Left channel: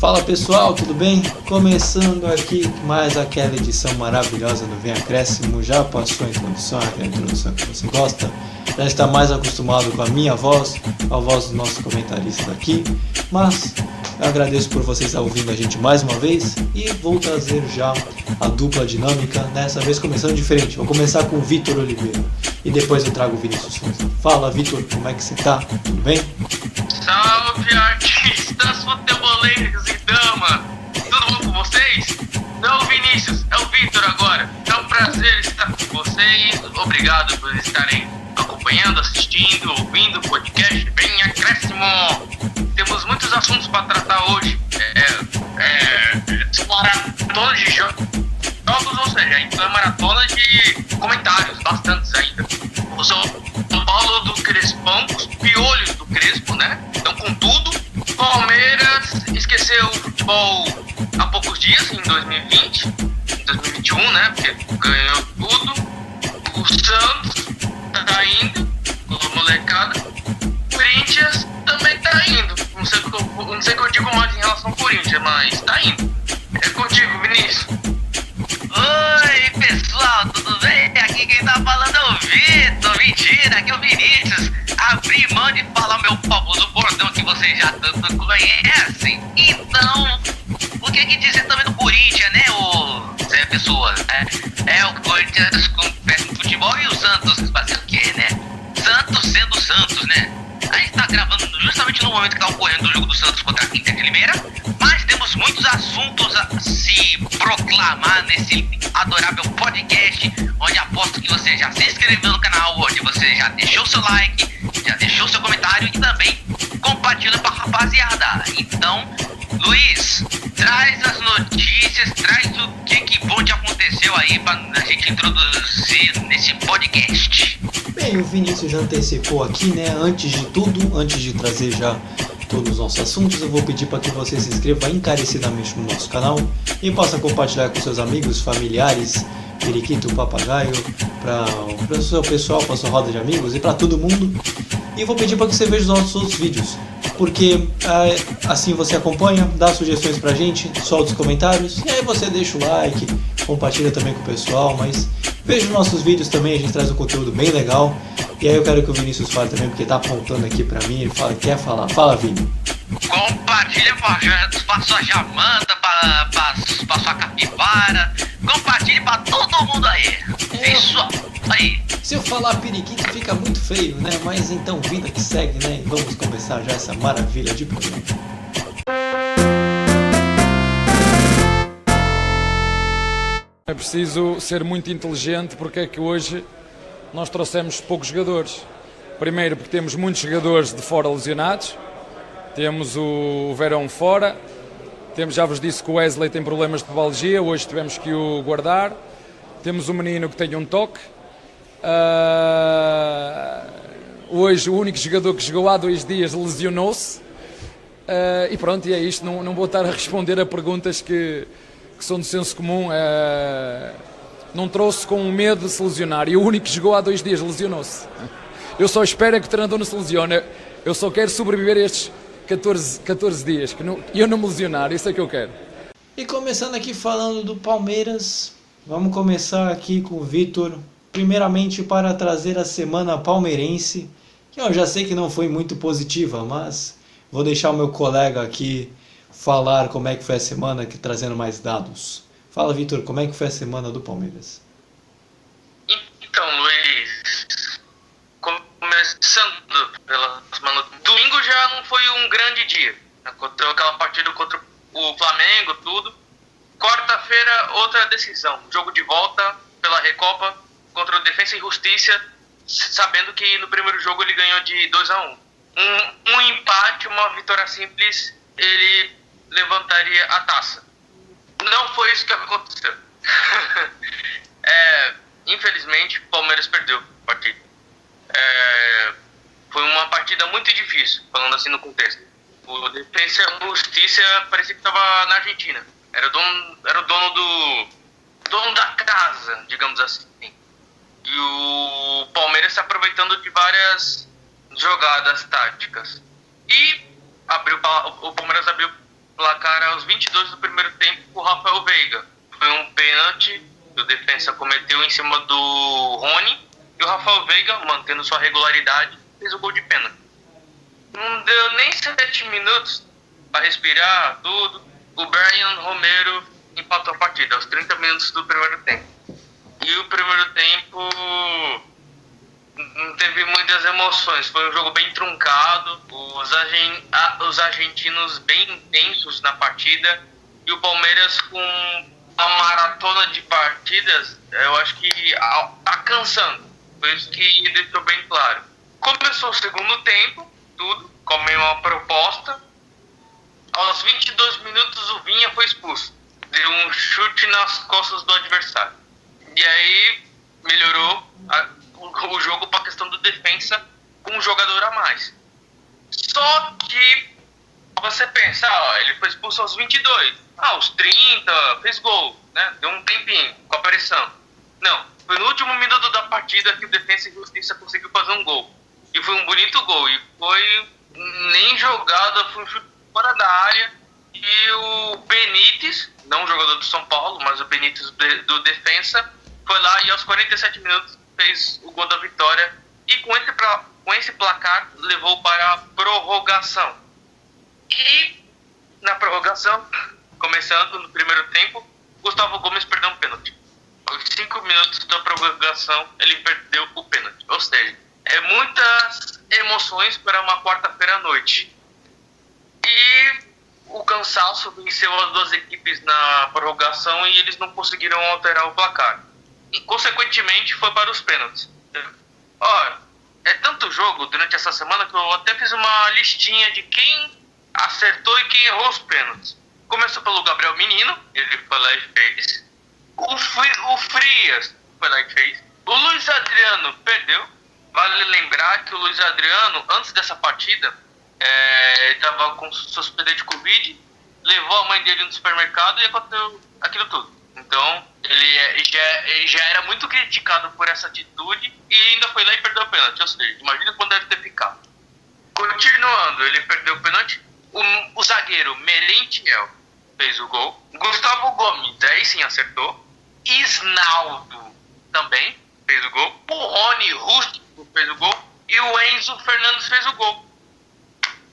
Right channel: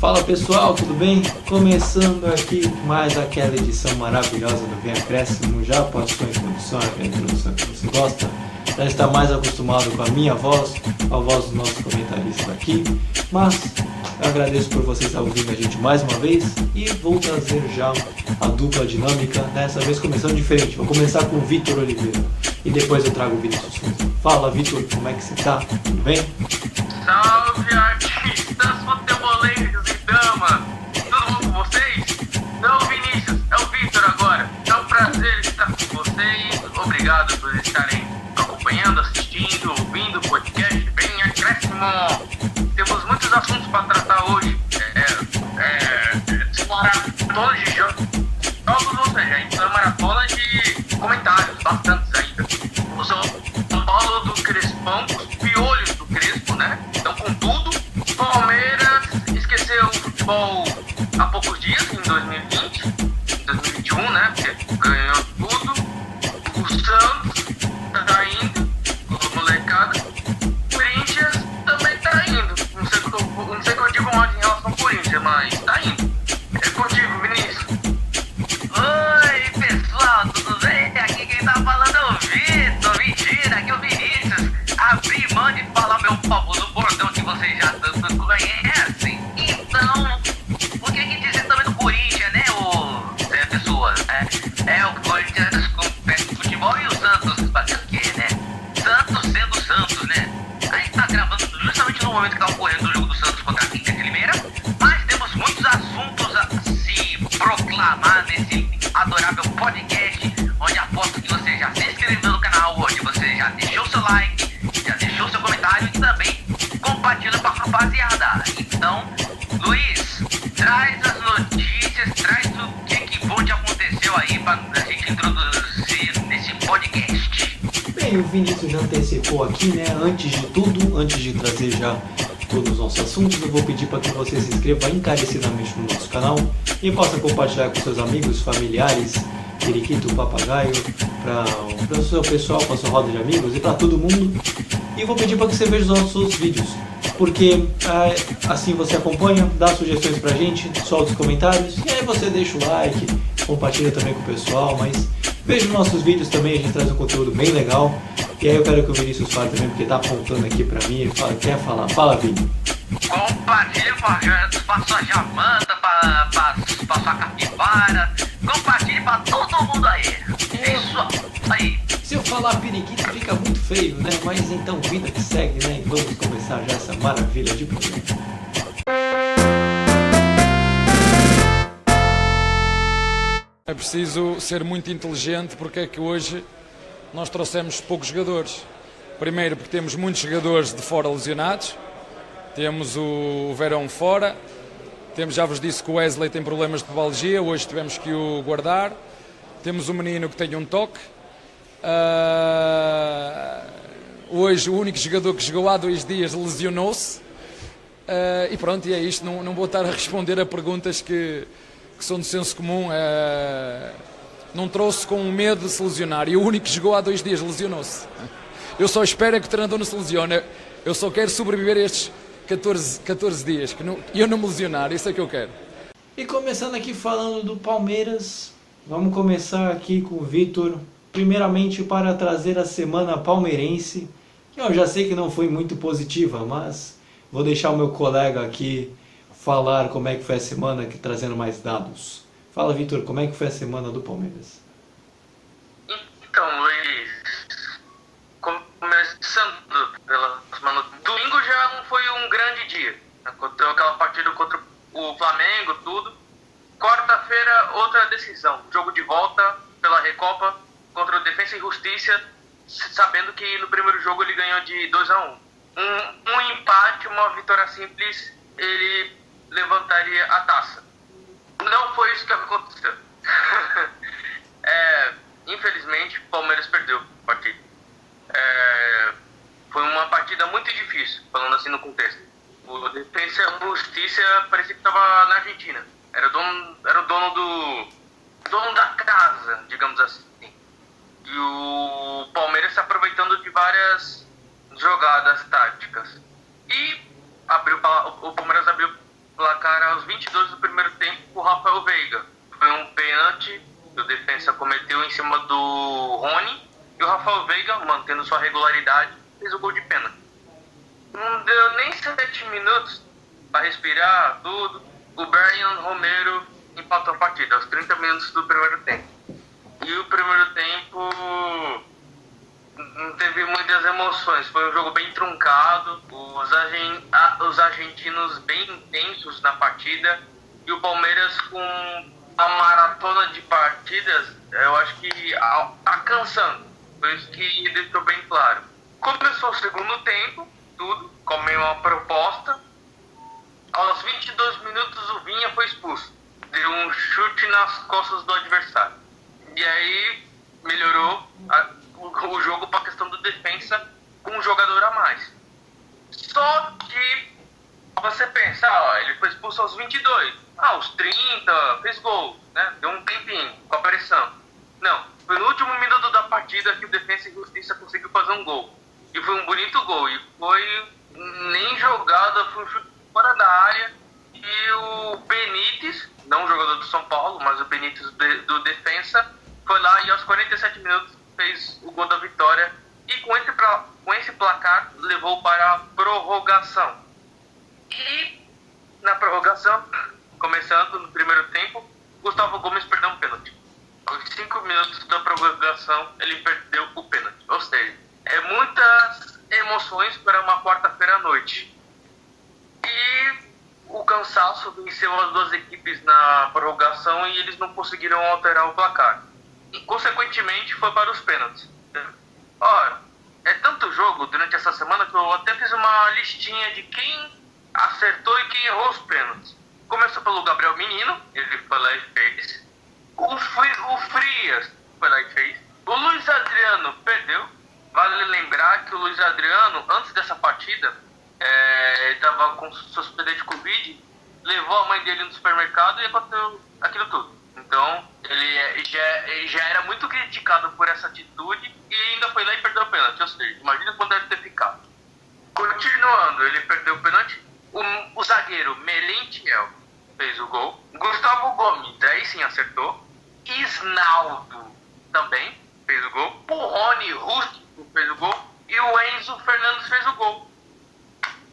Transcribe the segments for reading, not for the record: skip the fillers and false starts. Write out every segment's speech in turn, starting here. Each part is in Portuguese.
Fala pessoal, tudo bem? Começando aqui mais aquela edição maravilhosa do Vem Acréscimo. Já passou a introdução, aquela introdução que você gosta? Já está mais acostumado com a minha voz, a voz do nosso comentarista aqui. Mas eu agradeço por vocês estarem ouvindo a gente mais uma vez e vou trazer já a dupla dinâmica, dessa vez começando diferente. Vou começar com o Vitor Oliveira e depois eu trago o Vinícius Souza. Fala Vitor, como é que você tá? Tudo bem? Salve artistas futeboleiros e dama! Tudo bom com vocês? Não, Vinícius, é o Vitor agora. É um prazer estar com vocês. Obrigado por estarem acompanhando, assistindo, ouvindo o podcast Vem Acréscimo. Temos muitos assuntos para tratar hoje. Maratona de jogos, ou seja, então maratona de comentários, bastantes ainda. O São Paulo do Crespão, os piolhos do Crespo, né? Então com tudo, Palmeiras esqueceu o futebol há poucos dias, em 2020, em 2021, né? Porque ganhou tudo. O Santos tá indo, o molecada. O Corinthians também tá indo. Não sei o que eu digo mais em relação ao Corinthians, mas tá indo. É contigo, Vinícius. Oi, pessoal, tudo bem? Aqui quem tá falando é o Vitor. Mentira, aqui é o Vinícius. Abri mão de falar meu famoso bordão que vocês já tanto conhecem. Então, o que dizer também do Corinthians, né, o Zé Pessoa? É o Corinthians com pé no futebol e o Santos fazendo o quê, né? Santos sendo Santos, né? A gente tá gravando justamente no momento que tá ocorrendo o jogo do Santos contra a Inter de Limeira, mas temos muitos assuntos a se proclamar nesse adorável podcast, onde aposto que você já se inscreveu no canal hoje, você já deixou seu like, já deixou seu comentário e também compartilha com a rapaziada. Então, Luiz, traz as notícias, traz o que bom que aconteceu aí pra a gente introduzir nesse podcast. Bem, o Vinícius já antecipou aqui, né? Antes de tudo, antes de trazer já todos os nossos assuntos, eu vou pedir para que você se inscreva encarecidamente no nosso canal e possa compartilhar com seus amigos, familiares, periquito, papagaio, para o seu pessoal, para a sua roda de amigos e para todo mundo. E vou pedir para que você veja os nossos outros vídeos, porque assim você acompanha, dá sugestões pra gente, solta os comentários e aí você deixa o like, compartilha também com o pessoal, mas veja os nossos vídeos também, a gente traz um conteúdo bem legal. E aí eu quero que o Vinícius fale também, porque tá apontando aqui pra mim, ele quer falar. Fala, Vini. Compartilha pra sua jamanta, pra sua capivara. Compartilhe pra todo mundo aí. Isso aí. Se eu falar periquito fica muito feio, né? Mas então vida que segue, né? E vamos começar já essa maravilha de programa. É preciso ser muito inteligente porque é que hoje nós trouxemos poucos jogadores. Primeiro porque temos muitos jogadores de fora lesionados, temos o Verón fora, já vos disse que o Wesley tem problemas de pubalgia, hoje tivemos que o guardar, temos um menino que tem um toque, hoje o único jogador que jogou há 2 dias lesionou-se, e pronto, e é isto, não vou estar a responder a perguntas que são do senso comum. Não trouxe com medo de se lesionar e o único que jogou há 2 dias lesionou-se. Eu só espero que o treinador não se lesione. Eu só quero sobreviver a estes 14 dias, que eu não me lesionar, isso é que eu quero. E começando aqui falando do Palmeiras, vamos começar aqui com o Vitor, primeiramente para trazer a semana palmeirense, que eu já sei que não foi muito positiva, mas vou deixar o meu colega aqui falar como é que foi a semana, aqui, trazendo mais dados. Fala, Vitor, como é que foi a semana do Palmeiras? Então, Luiz, começando pela semana, domingo já não foi um grande dia. Aconteceu aquela partida contra o Flamengo, tudo. Quarta-feira, outra decisão. Jogo de volta pela Recopa contra o Defensa e Justiça, sabendo que no primeiro jogo ele ganhou de 2-1. Um empate, uma vitória simples, ele levantaria a taça. Não foi isso que aconteceu. Infelizmente, o Palmeiras perdeu a partida. Foi uma partida muito difícil, falando assim no contexto. O Defensa e Justiça parecia que estava na Argentina. Era o dono da casa, digamos assim. E o Palmeiras se aproveitando de várias jogadas táticas. E o Palmeiras abriu placar aos 22 do primeiro tempo com o Rafael Veiga. Foi um pênalti que o defensa cometeu em cima do Rony, e o Rafael Veiga, mantendo sua regularidade, fez o gol de pênalti. Não deu nem 7 minutos para respirar tudo. O Brian Romero empatou a partida aos 30 minutos do primeiro tempo. E o primeiro tempo não teve muitas emoções, foi um jogo bem truncado, os argentinos bem intensos na partida, e o Palmeiras com a maratona de partidas, eu acho que tá cansando, foi isso que ele deixou bem claro. Começou o segundo tempo, tudo, como uma proposta, aos 22 minutos o Vinha foi expulso, deu um chute nas costas do adversário, e aí melhorou o jogo para a questão do defensa com um jogador a mais. Só que você pensa, ele foi expulso aos 22, aos 30, fez gol, né? Deu um tempinho com a pressão. Não, foi no último minuto da partida que o Defensa e Justiça conseguiu fazer um gol. E foi um bonito gol, e foi nem jogada, foi um chute fora da área, e o Benítez, não o jogador do São Paulo, mas o Benítez do Defensa, foi lá e aos 47 minutos fez o gol da vitória, e com esse placar levou para a prorrogação. E na prorrogação, começando no primeiro tempo, Gustavo Gomes perdeu um pênalti. Aos 5 minutos da prorrogação, ele perdeu o pênalti. Ou seja, muitas emoções para uma quarta-feira à noite. E o cansaço venceu as duas equipes na prorrogação e eles não conseguiram alterar o placar. E, consequentemente, foi para os pênaltis. Olha, é tanto jogo durante essa semana que eu até fiz uma listinha de quem acertou e quem errou os pênaltis. Começou pelo Gabriel Menino, ele foi lá e fez. O Frias foi lá e fez. O Luiz Adriano perdeu. Vale lembrar que o Luiz Adriano, antes dessa partida, estava com suspeita de Covid, levou a mãe dele no supermercado e aconteceu aquilo tudo. Então, ele já era muito criticado por essa atitude e ainda foi lá e perdeu o pênalti. Ou seja, imagina quando deve ter ficado. Continuando, ele perdeu o pênalti. O zagueiro Merentiel fez o gol. Gustavo Gomes, aí sim acertou. Isnaldo também fez o gol. O Rony Rústico fez o gol. E o Enzo Fernandes fez o gol.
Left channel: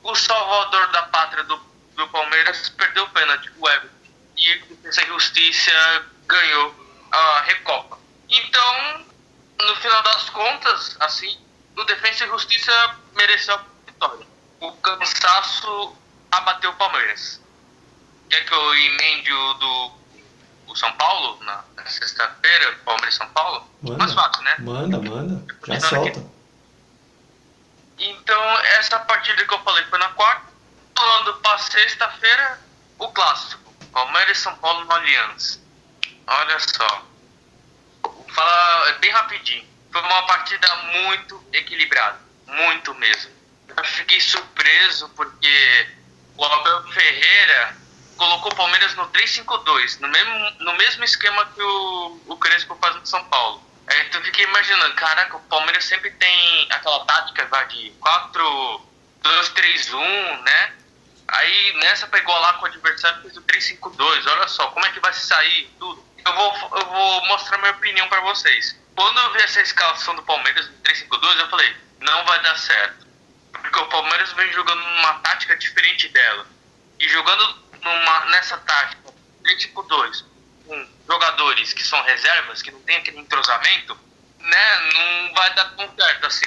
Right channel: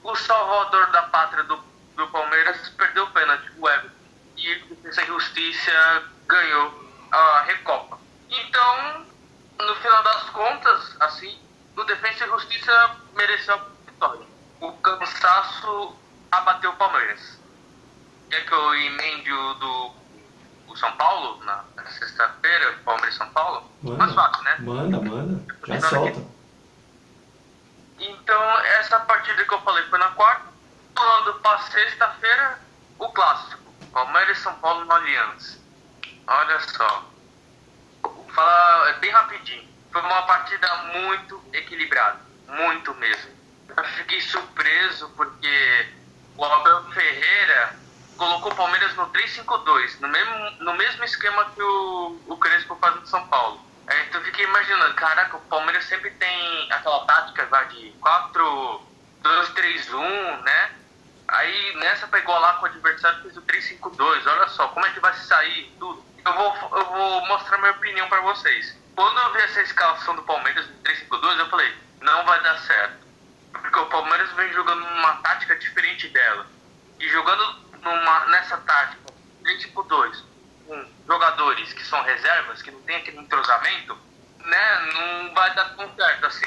O salvador da pátria do Palmeiras perdeu o pênalti, o Everton. E o Defensa e Justiça ganhou a Recopa. Então, no final das contas, assim, o Defensa e Justiça mereceu a vitória. O cansaço abateu o Palmeiras. Quer que eu emende o São Paulo na sexta-feira, Palmeiras e São Paulo? Mais fácil, né? Manda. Já solta. Aqui. Então, essa partida que eu falei foi na quarta. Falando para sexta-feira, o clássico. Palmeiras e São Paulo no Allianz. Olha só. Vou falar bem rapidinho. Foi uma partida muito equilibrada. Muito mesmo. Eu fiquei surpreso porque o Abel Ferreira colocou o Palmeiras no 3-5-2. No mesmo esquema que o Crespo faz no São Paulo. Então eu fiquei imaginando, caraca, o Palmeiras sempre tem aquela tática de 4-2-3-1, né? Aí nessa pegou lá com o adversário, fez o 3-5-2. Olha só, como é que vai sair tudo. Eu vou mostrar minha opinião para vocês. Quando eu vi essa escalação do Palmeiras no 3-5-2, eu falei, não vai dar certo. Porque o Palmeiras vem jogando numa tática diferente dela. E jogando nessa tática 3-5-2, com jogadores que são reservas, que não tem aquele entrosamento, né, não vai dar tão certo assim.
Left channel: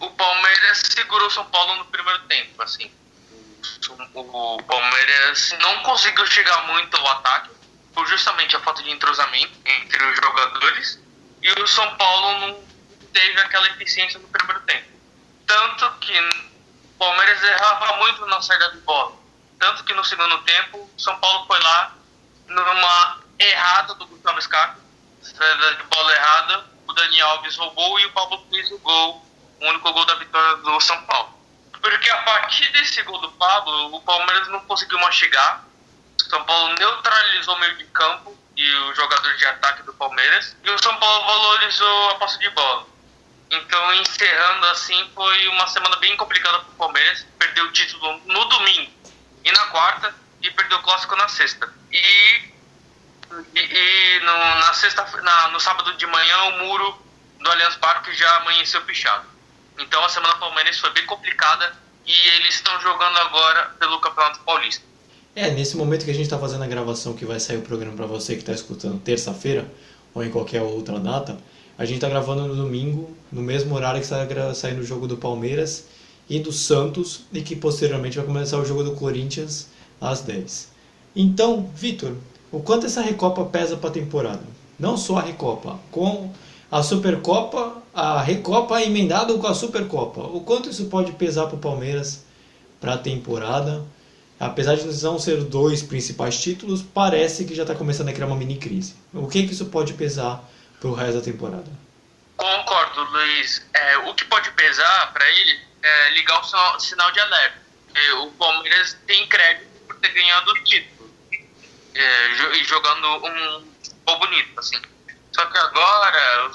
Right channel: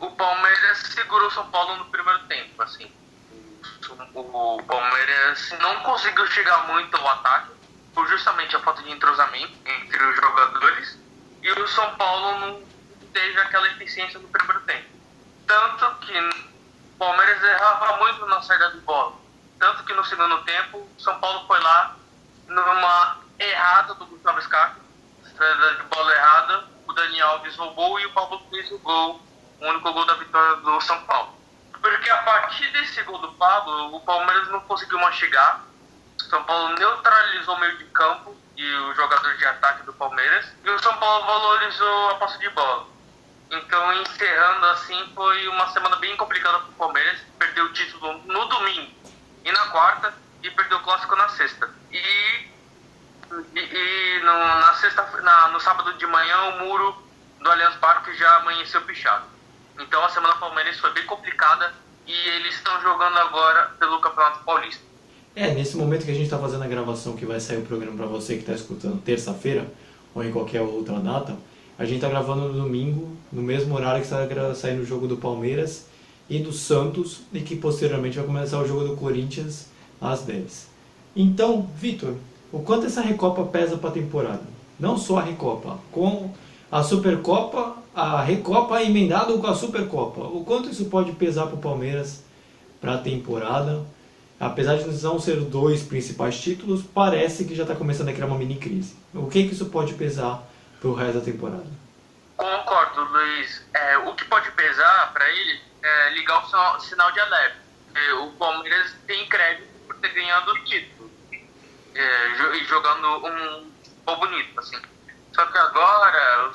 O Palmeiras segurou o São Paulo no primeiro tempo, assim. O Palmeiras não conseguiu chegar muito ao ataque, por justamente a falta de entrosamento entre os jogadores, e o São Paulo não teve aquela eficiência no primeiro tempo. Tanto que o Palmeiras errava muito na saída de bola. Tanto que no segundo tempo, o São Paulo foi lá numa errada do Gustavo Scarpa, saída de bola errada, o Dani Alves roubou e o Pablo fez o gol, o único gol da vitória do São Paulo. Porque a partir desse gol do Pablo, o Palmeiras não conseguiu mais chegar. O São Paulo neutralizou o meio de campo e os jogadores de ataque do Palmeiras. E o São Paulo valorizou a posse de bola. Então, encerrando assim, foi uma semana bem complicada para o Palmeiras. Perdeu o título no domingo e na quarta. e perdeu o clássico na sexta. No sábado de manhã, o muro do Allianz Parque já amanheceu pichado. Então a semana palmeirense foi bem complicada e eles estão jogando agora pelo Campeonato Paulista. Nesse momento que a gente está fazendo a gravação, que vai sair o programa para você que está escutando terça-feira ou em qualquer outra data, a gente está gravando no domingo, no mesmo horário que está saindo o jogo do Palmeiras e do Santos, e que posteriormente vai começar o jogo do Corinthians às 10. Então, Vitor, o quanto essa Recopa pesa para a temporada? Não só a Recopa, com a Supercopa, a Recopa emendada com a Supercopa. O quanto isso pode pesar para o Palmeiras para a temporada? Apesar de não ser os dois principais títulos, parece que já está começando a criar uma mini crise. O que isso pode pesar para o resto da temporada? Concordo, Luiz. O que pode pesar para ele é ligar o sinal de alerta. O Palmeiras tem crédito por ter ganhado o título e jogando um futebol bonito, assim. Só que agora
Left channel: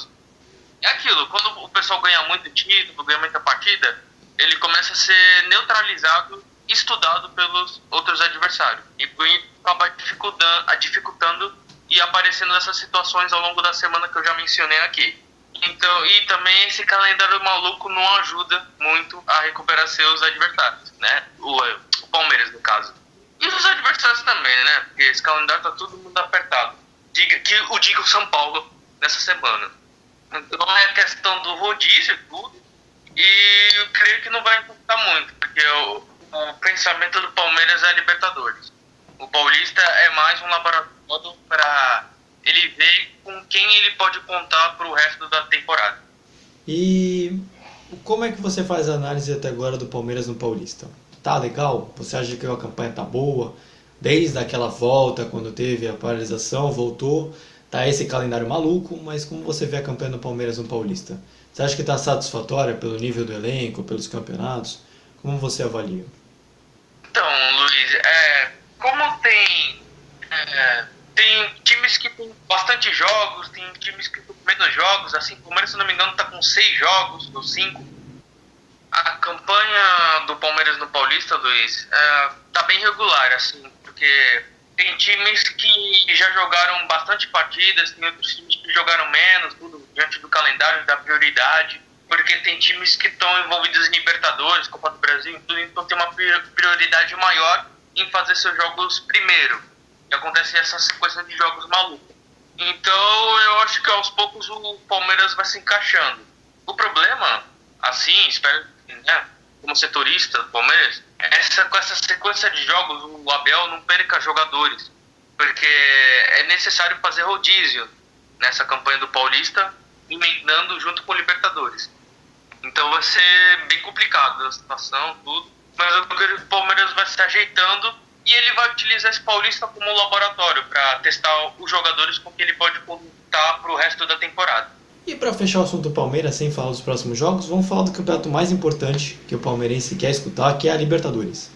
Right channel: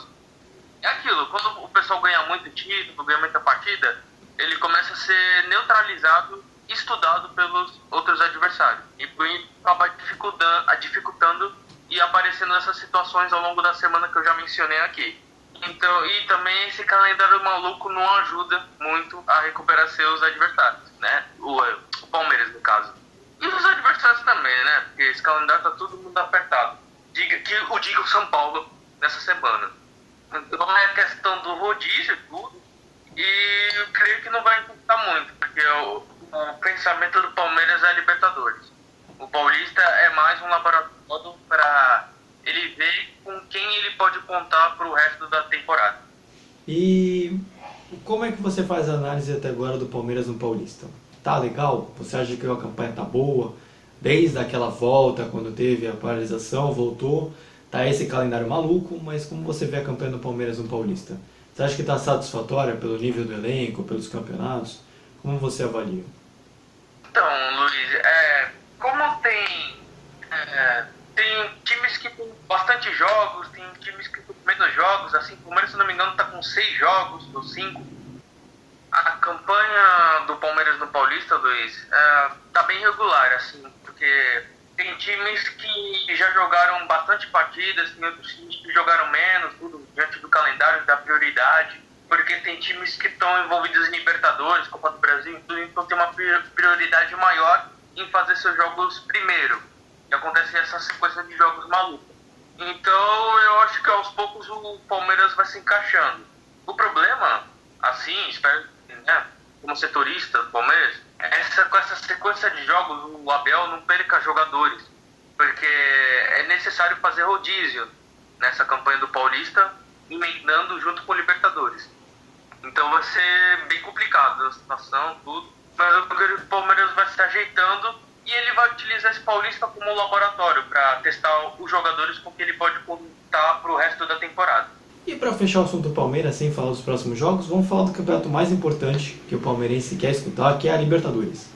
é aquilo, quando o pessoal ganha muito título, ganha muita partida, ele começa a ser neutralizado, estudado pelos outros adversários. E acaba dificultando e aparecendo essas situações ao longo da semana que eu já mencionei aqui. Então, e também esse calendário maluco não ajuda muito a recuperar seus adversários, né? O Palmeiras, no caso. E os adversários também, né? Porque esse calendário tá todo mundo apertado. Diga o São Paulo nessa semana. Então é questão do rodízio e tudo. E eu creio que não vai importar muito, porque o pensamento do Palmeiras é a Libertadores. O Paulista é mais um laboratório para ele ver com quem ele pode contar para o resto da temporada. E como é que você faz a análise até agora do Palmeiras no Paulista? Tá legal? Você acha que a campanha tá boa? Desde aquela volta, quando teve a paralisação, voltou, tá esse calendário maluco, mas como você vê a campanha do Palmeiras no Paulista? Você acha que está satisfatória pelo nível do elenco, pelos campeonatos? Como você avalia? Então, Luiz, como tem times que tem bastante jogos, tem times que tem menos jogos, assim, o Palmeiras, se não me engano, está com 6 jogos, ou 5. A campanha do Palmeiras no Paulista, Luiz, tá bem regular, assim, porque tem times que já jogaram bastante partidas, tem outros times que jogaram menos, tudo diante do calendário, da prioridade, porque tem times que estão envolvidos em Libertadores, Copa do Brasil e tudo, então tem uma prioridade maior em fazer seus jogos primeiro. E acontece essa sequência de jogos malucos. Então eu acho que aos poucos o Palmeiras vai se encaixando. O problema, assim, espero, né, como setorista do Palmeiras, com essa sequência de jogos o Abel não perca jogadores, porque é necessário fazer rodízio nessa campanha do Paulista, emendando junto com o Libertadores. Então vai ser bem complicado a situação, tudo, mas eu acredito que o Palmeiras vai se ajeitando e ele vai utilizar esse Paulista como um laboratório para testar os jogadores com que ele pode contar para o resto da temporada. E para fechar o assunto do Palmeiras, sem falar dos próximos jogos, vamos falar do campeonato mais importante que o palmeirense quer escutar, que é a Libertadores.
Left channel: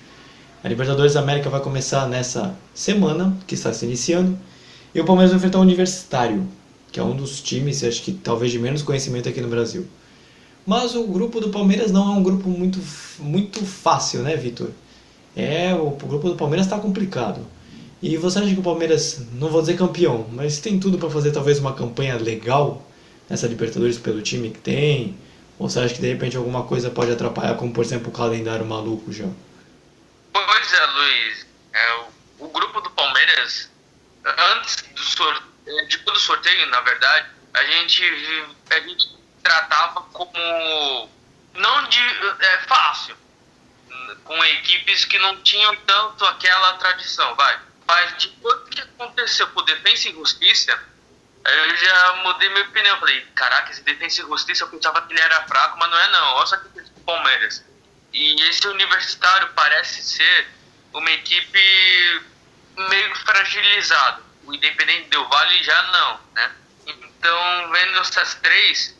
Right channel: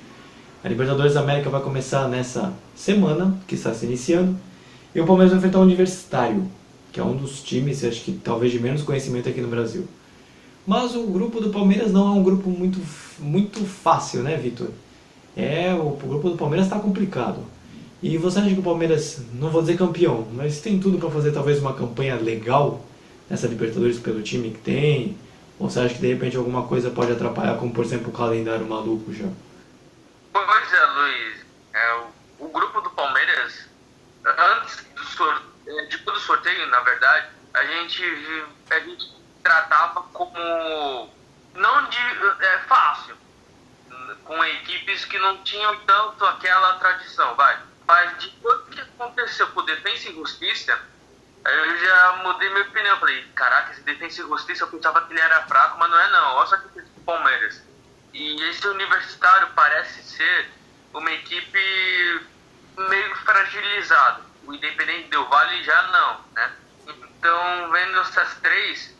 A Libertadores da América vai começar nessa semana, que está se iniciando, e o Palmeiras vai enfrentar o Universitário, que é um dos times, acho que talvez de menos conhecimento aqui no Brasil. Mas o grupo do Palmeiras não é um grupo muito fácil, né, Vitor? O grupo do Palmeiras está complicado. E você acha que o Palmeiras, não vou dizer campeão, mas tem tudo para fazer talvez uma campanha legal nessa Libertadores pelo time que tem? Ou você acha que de repente alguma coisa pode atrapalhar, como por exemplo o calendário maluco já? Pois é, Luiz. O grupo do Palmeiras, antes do sorteio, na verdade, a gente tratava como não de fácil, com equipes que não tinham tanto aquela tradição, Mas depois que aconteceu com o Defensa e Justiça, eu já mudei minha opinião. Falei, caraca, esse Defensa e Justiça eu pensava que ele era fraco, mas não é não. Olha só que fez com o Palmeiras. E esse Universitário parece ser uma equipe meio fragilizada. O Independente Del Valle já não, né? Então, vendo essas três,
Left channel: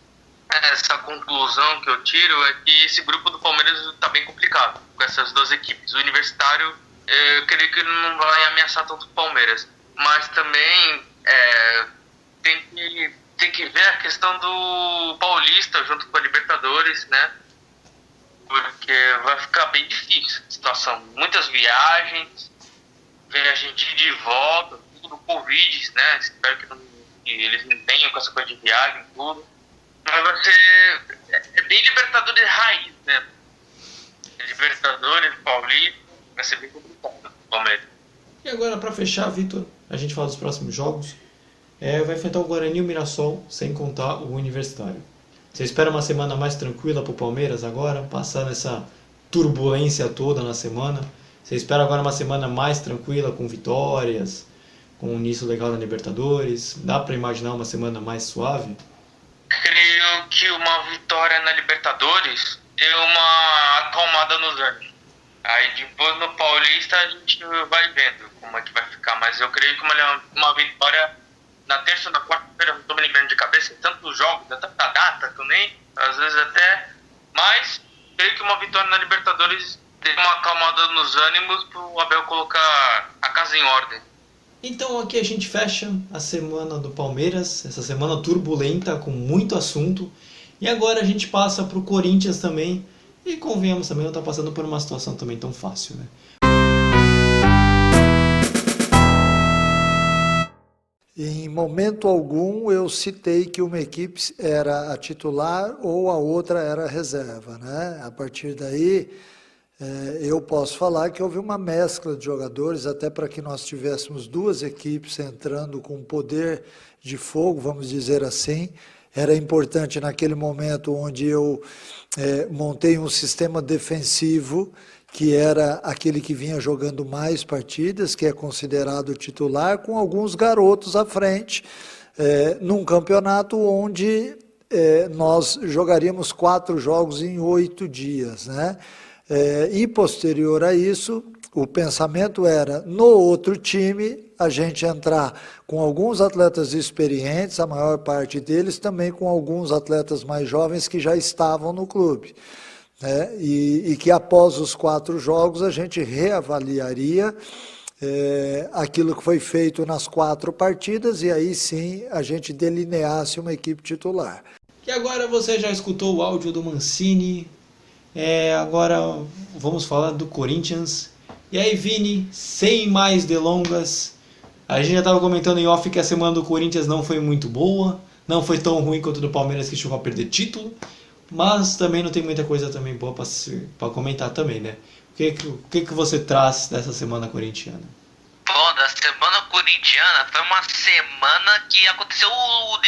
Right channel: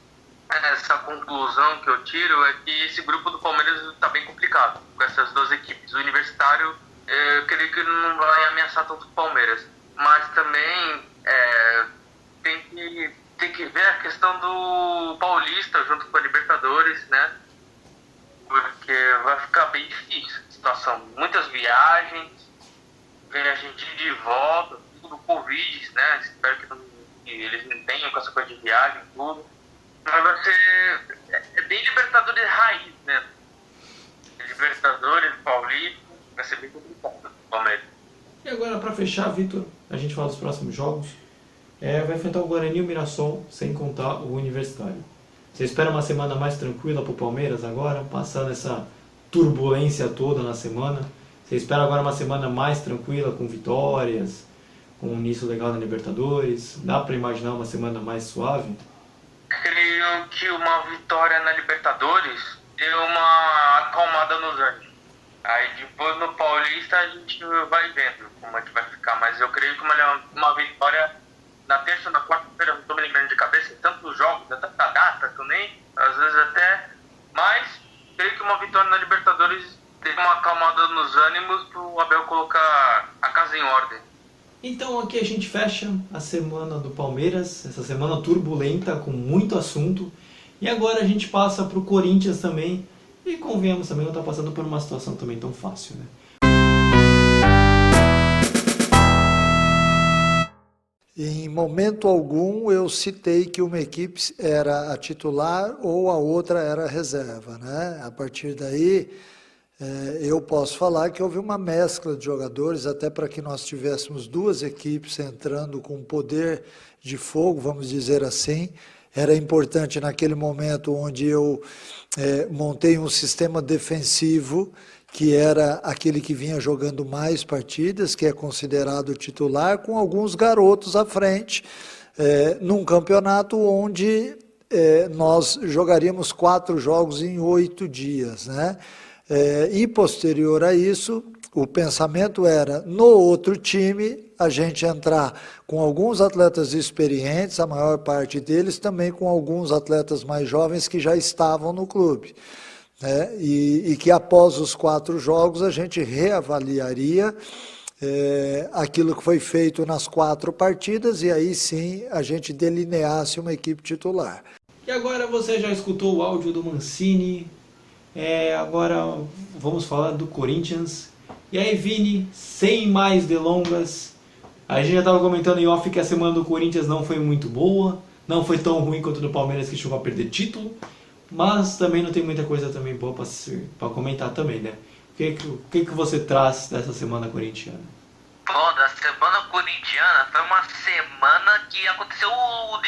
essa conclusão que eu tiro é que esse grupo do Palmeiras está bem complicado com essas duas equipes. O Universitário, eu creio que não vai ameaçar tanto o Palmeiras, mas também tem que ver a questão do Paulista junto com a Libertadores, né? Porque vai ficar bem difícil a situação. Muitas viagens, ver a gente de volta, tudo do Covid, né? Espero que eles não tenham com essa coisa de viagem e tudo. Mas vai ser... É bem Libertadores raiz, né? Libertadores, Paulista, vai ser bem complicado, Palmeiras. E agora, para fechar, Vitor, a gente fala dos próximos jogos. Vai enfrentar o Guarani e o Mirassol, sem contar o Universitário. Você espera uma semana mais tranquila para o Palmeiras agora, passando essa turbulência toda na semana? Você espera agora uma semana mais tranquila, com vitórias, com um início legal na Libertadores? Dá para imaginar uma semana mais suave? Creio que uma vitória na Libertadores deu uma acalmada nos ânimos. Aí depois no Paulista a gente vai vendo como é que vai ficar. Mas eu creio que uma vitória na terça ou na quarta-feira, não estou me lembrando de cabeça, tantos jogos, tanta data também, às vezes até. Mas creio que uma vitória na Libertadores deu uma acalmada nos ânimos para o Abel colocar a casa em ordem. Então aqui a gente fecha a semana do Palmeiras, essa semana turbulenta, com muito assunto. E agora a gente passa para o Corinthians também. E convenhamos também, não está passando por uma situação também tão fácil, né? Em momento algum eu citei que uma equipe era a titular ou a outra era a reserva, né? A partir daí eu posso falar que houve uma mescla de jogadores, até para que nós tivéssemos duas equipes entrando com poder de fogo, vamos dizer assim. Era importante naquele momento onde eu montei um sistema defensivo que era aquele que vinha jogando mais partidas, que é considerado titular, com alguns garotos à frente, num campeonato onde nós jogaríamos 4 jogos em 8 dias, né? E posterior a isso, o pensamento era, no outro time, a gente entrar com alguns atletas experientes, a maior parte deles também com alguns atletas mais jovens que já estavam no clube. Né? E que após os 4 jogos a gente reavaliaria aquilo que foi feito nas 4 partidas e aí sim a gente delineasse uma equipe titular. E agora você já escutou o áudio do Mancini, agora vamos falar do Corinthians. E aí, Vini, sem mais delongas, a gente já estava comentando em off que a semana do Corinthians não foi muito boa, não foi tão ruim quanto a do Palmeiras que chegou a perder título, mas também não tem muita coisa também boa para comentar também, né? O que você traz dessa semana corintiana? Bom, da semana corintiana foi uma semana que aconteceu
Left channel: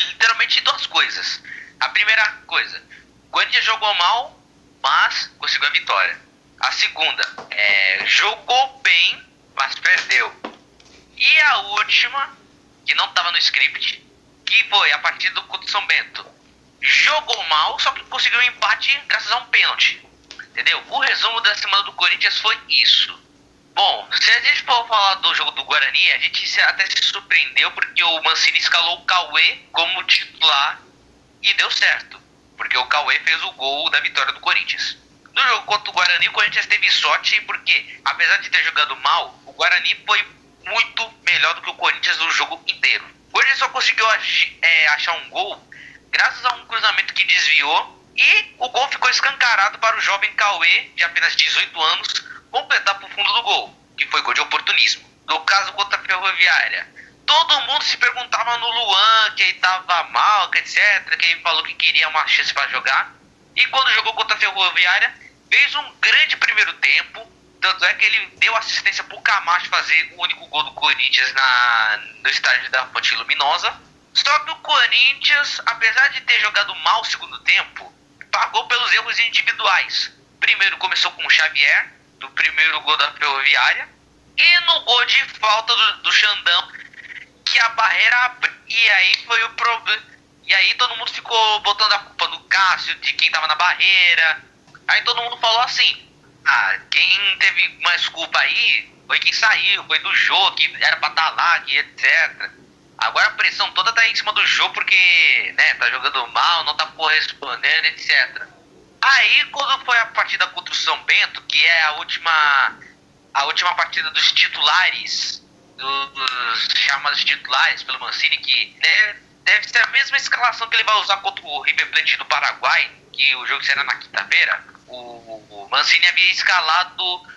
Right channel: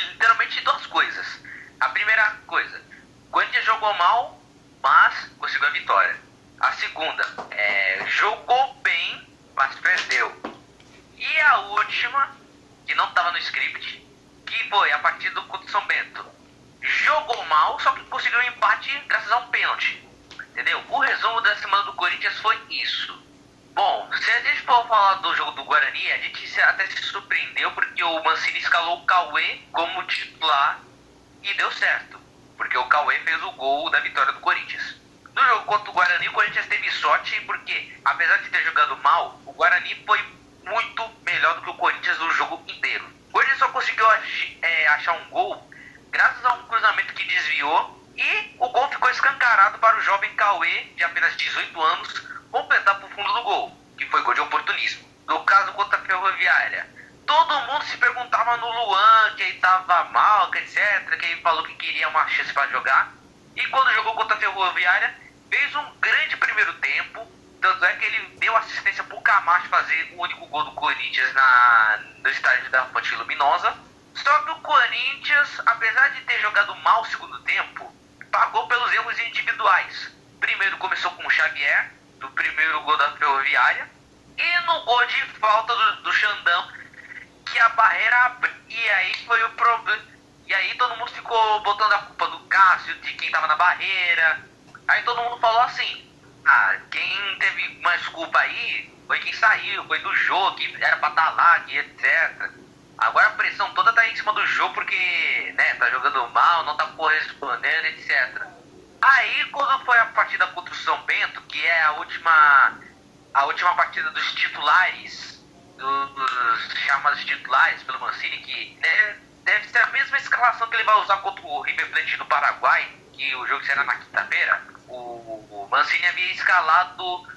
literalmente 2 coisas. A primeira coisa, o Corinthians jogou mal, mas conseguiu a vitória. A segunda, jogou bem, mas perdeu. E a última, que não estava no script, que foi a partida contra o São Bento. Jogou mal, só que conseguiu um empate graças a um pênalti. Entendeu? O resumo da semana do Corinthians foi isso. Bom, se a gente for falar do jogo do Guarani, a gente até se surpreendeu porque o Mancini escalou o Cauê como titular e deu certo. Porque o Cauê fez o gol da vitória do Corinthians. No jogo contra o Guarani, o Corinthians teve sorte porque, apesar de ter jogado mal, o Guarani foi muito melhor do que o Corinthians no jogo inteiro. O Corinthians só conseguiu achar um gol graças a um cruzamento que desviou e o gol ficou escancarado para o jovem Cauê, de apenas 18 anos, completar para o fundo do gol, que foi gol de oportunismo. No caso contra a Ferroviária, todo mundo se perguntava no Luan, que ele estava mal, que etc, que ele falou que queria uma chance para jogar. E quando jogou contra a Ferroviária, fez um grande primeiro tempo, tanto é que ele deu assistência para o Camacho fazer o único gol do Corinthians no estádio da Fonte Luminosa. Só que o Corinthians, apesar de ter jogado mal o segundo tempo, pagou pelos erros individuais. Primeiro começou com o Xavier, do primeiro gol da Ferroviária, e no gol de falta do Xandão, que a barreira abriu, e aí foi o problema. E aí todo mundo ficou botando a culpa no Cássio, de quem tava na barreira. Aí todo mundo falou assim, quem teve mais culpa aí foi quem saiu, foi do Jô, que era pra estar lá, que etc. Agora a pressão toda tá em cima do Jô porque, né, tá jogando mal, não tá correspondendo, etc. Aí quando foi a partida contra o São Bento, que é a última partida dos titulares, dos chamados titulares pelo Mancini, que deve ser a mesma escalação que ele vai usar contra o River Plate do Paraguai, que o jogo será na quinta-feira. O Mancini havia escalado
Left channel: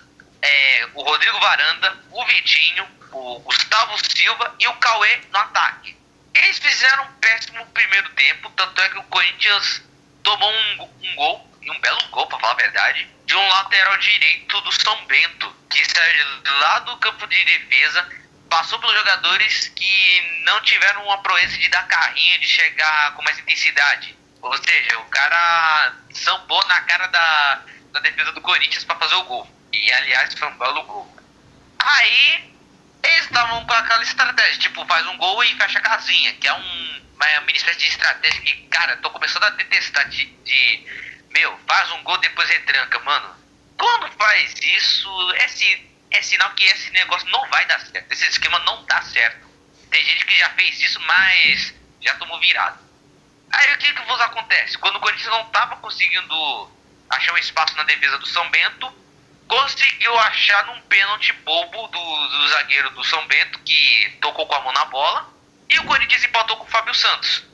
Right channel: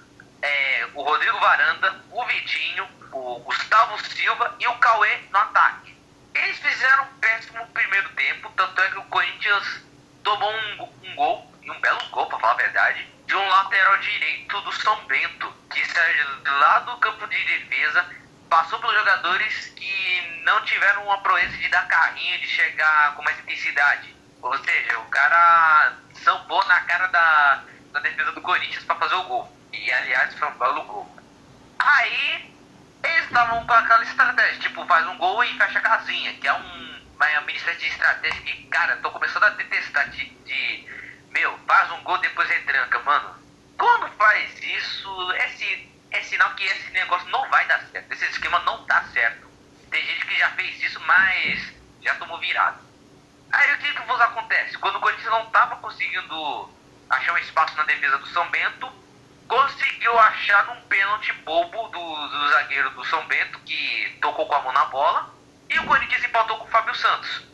o Rodrigo Varanda, o Vitinho, o Gustavo Silva e o Cauê no ataque. Eles fizeram um péssimo primeiro tempo, tanto é que o Corinthians tomou um gol, e um belo gol, pra falar a verdade, de um lateral direito do São Bento, que saiu lá do campo de defesa, passou pelos jogadores que não tiveram uma proeza de dar carrinho, de chegar com mais intensidade. Ou seja, o cara sambou na cara da defesa do Corinthians para fazer o gol. E, aliás, foi um belo gol. Aí, eles estavam com aquela estratégia, tipo, faz um gol e fecha a casinha, que é uma mini espécie de estratégia que, cara, tô começando a detestar faz um gol, depois retranca, mano. Quando faz isso, é sinal que esse negócio não vai dar certo. Esse esquema não dá certo. Tem gente que já fez isso, mas já tomou virado. Aí o que acontece? Quando o Corinthians não tava conseguindo achar um espaço na defesa do São Bento, conseguiu achar num pênalti bobo do zagueiro do São Bento, que tocou com a mão na bola, e o Corinthians empatou com o Fábio Santos.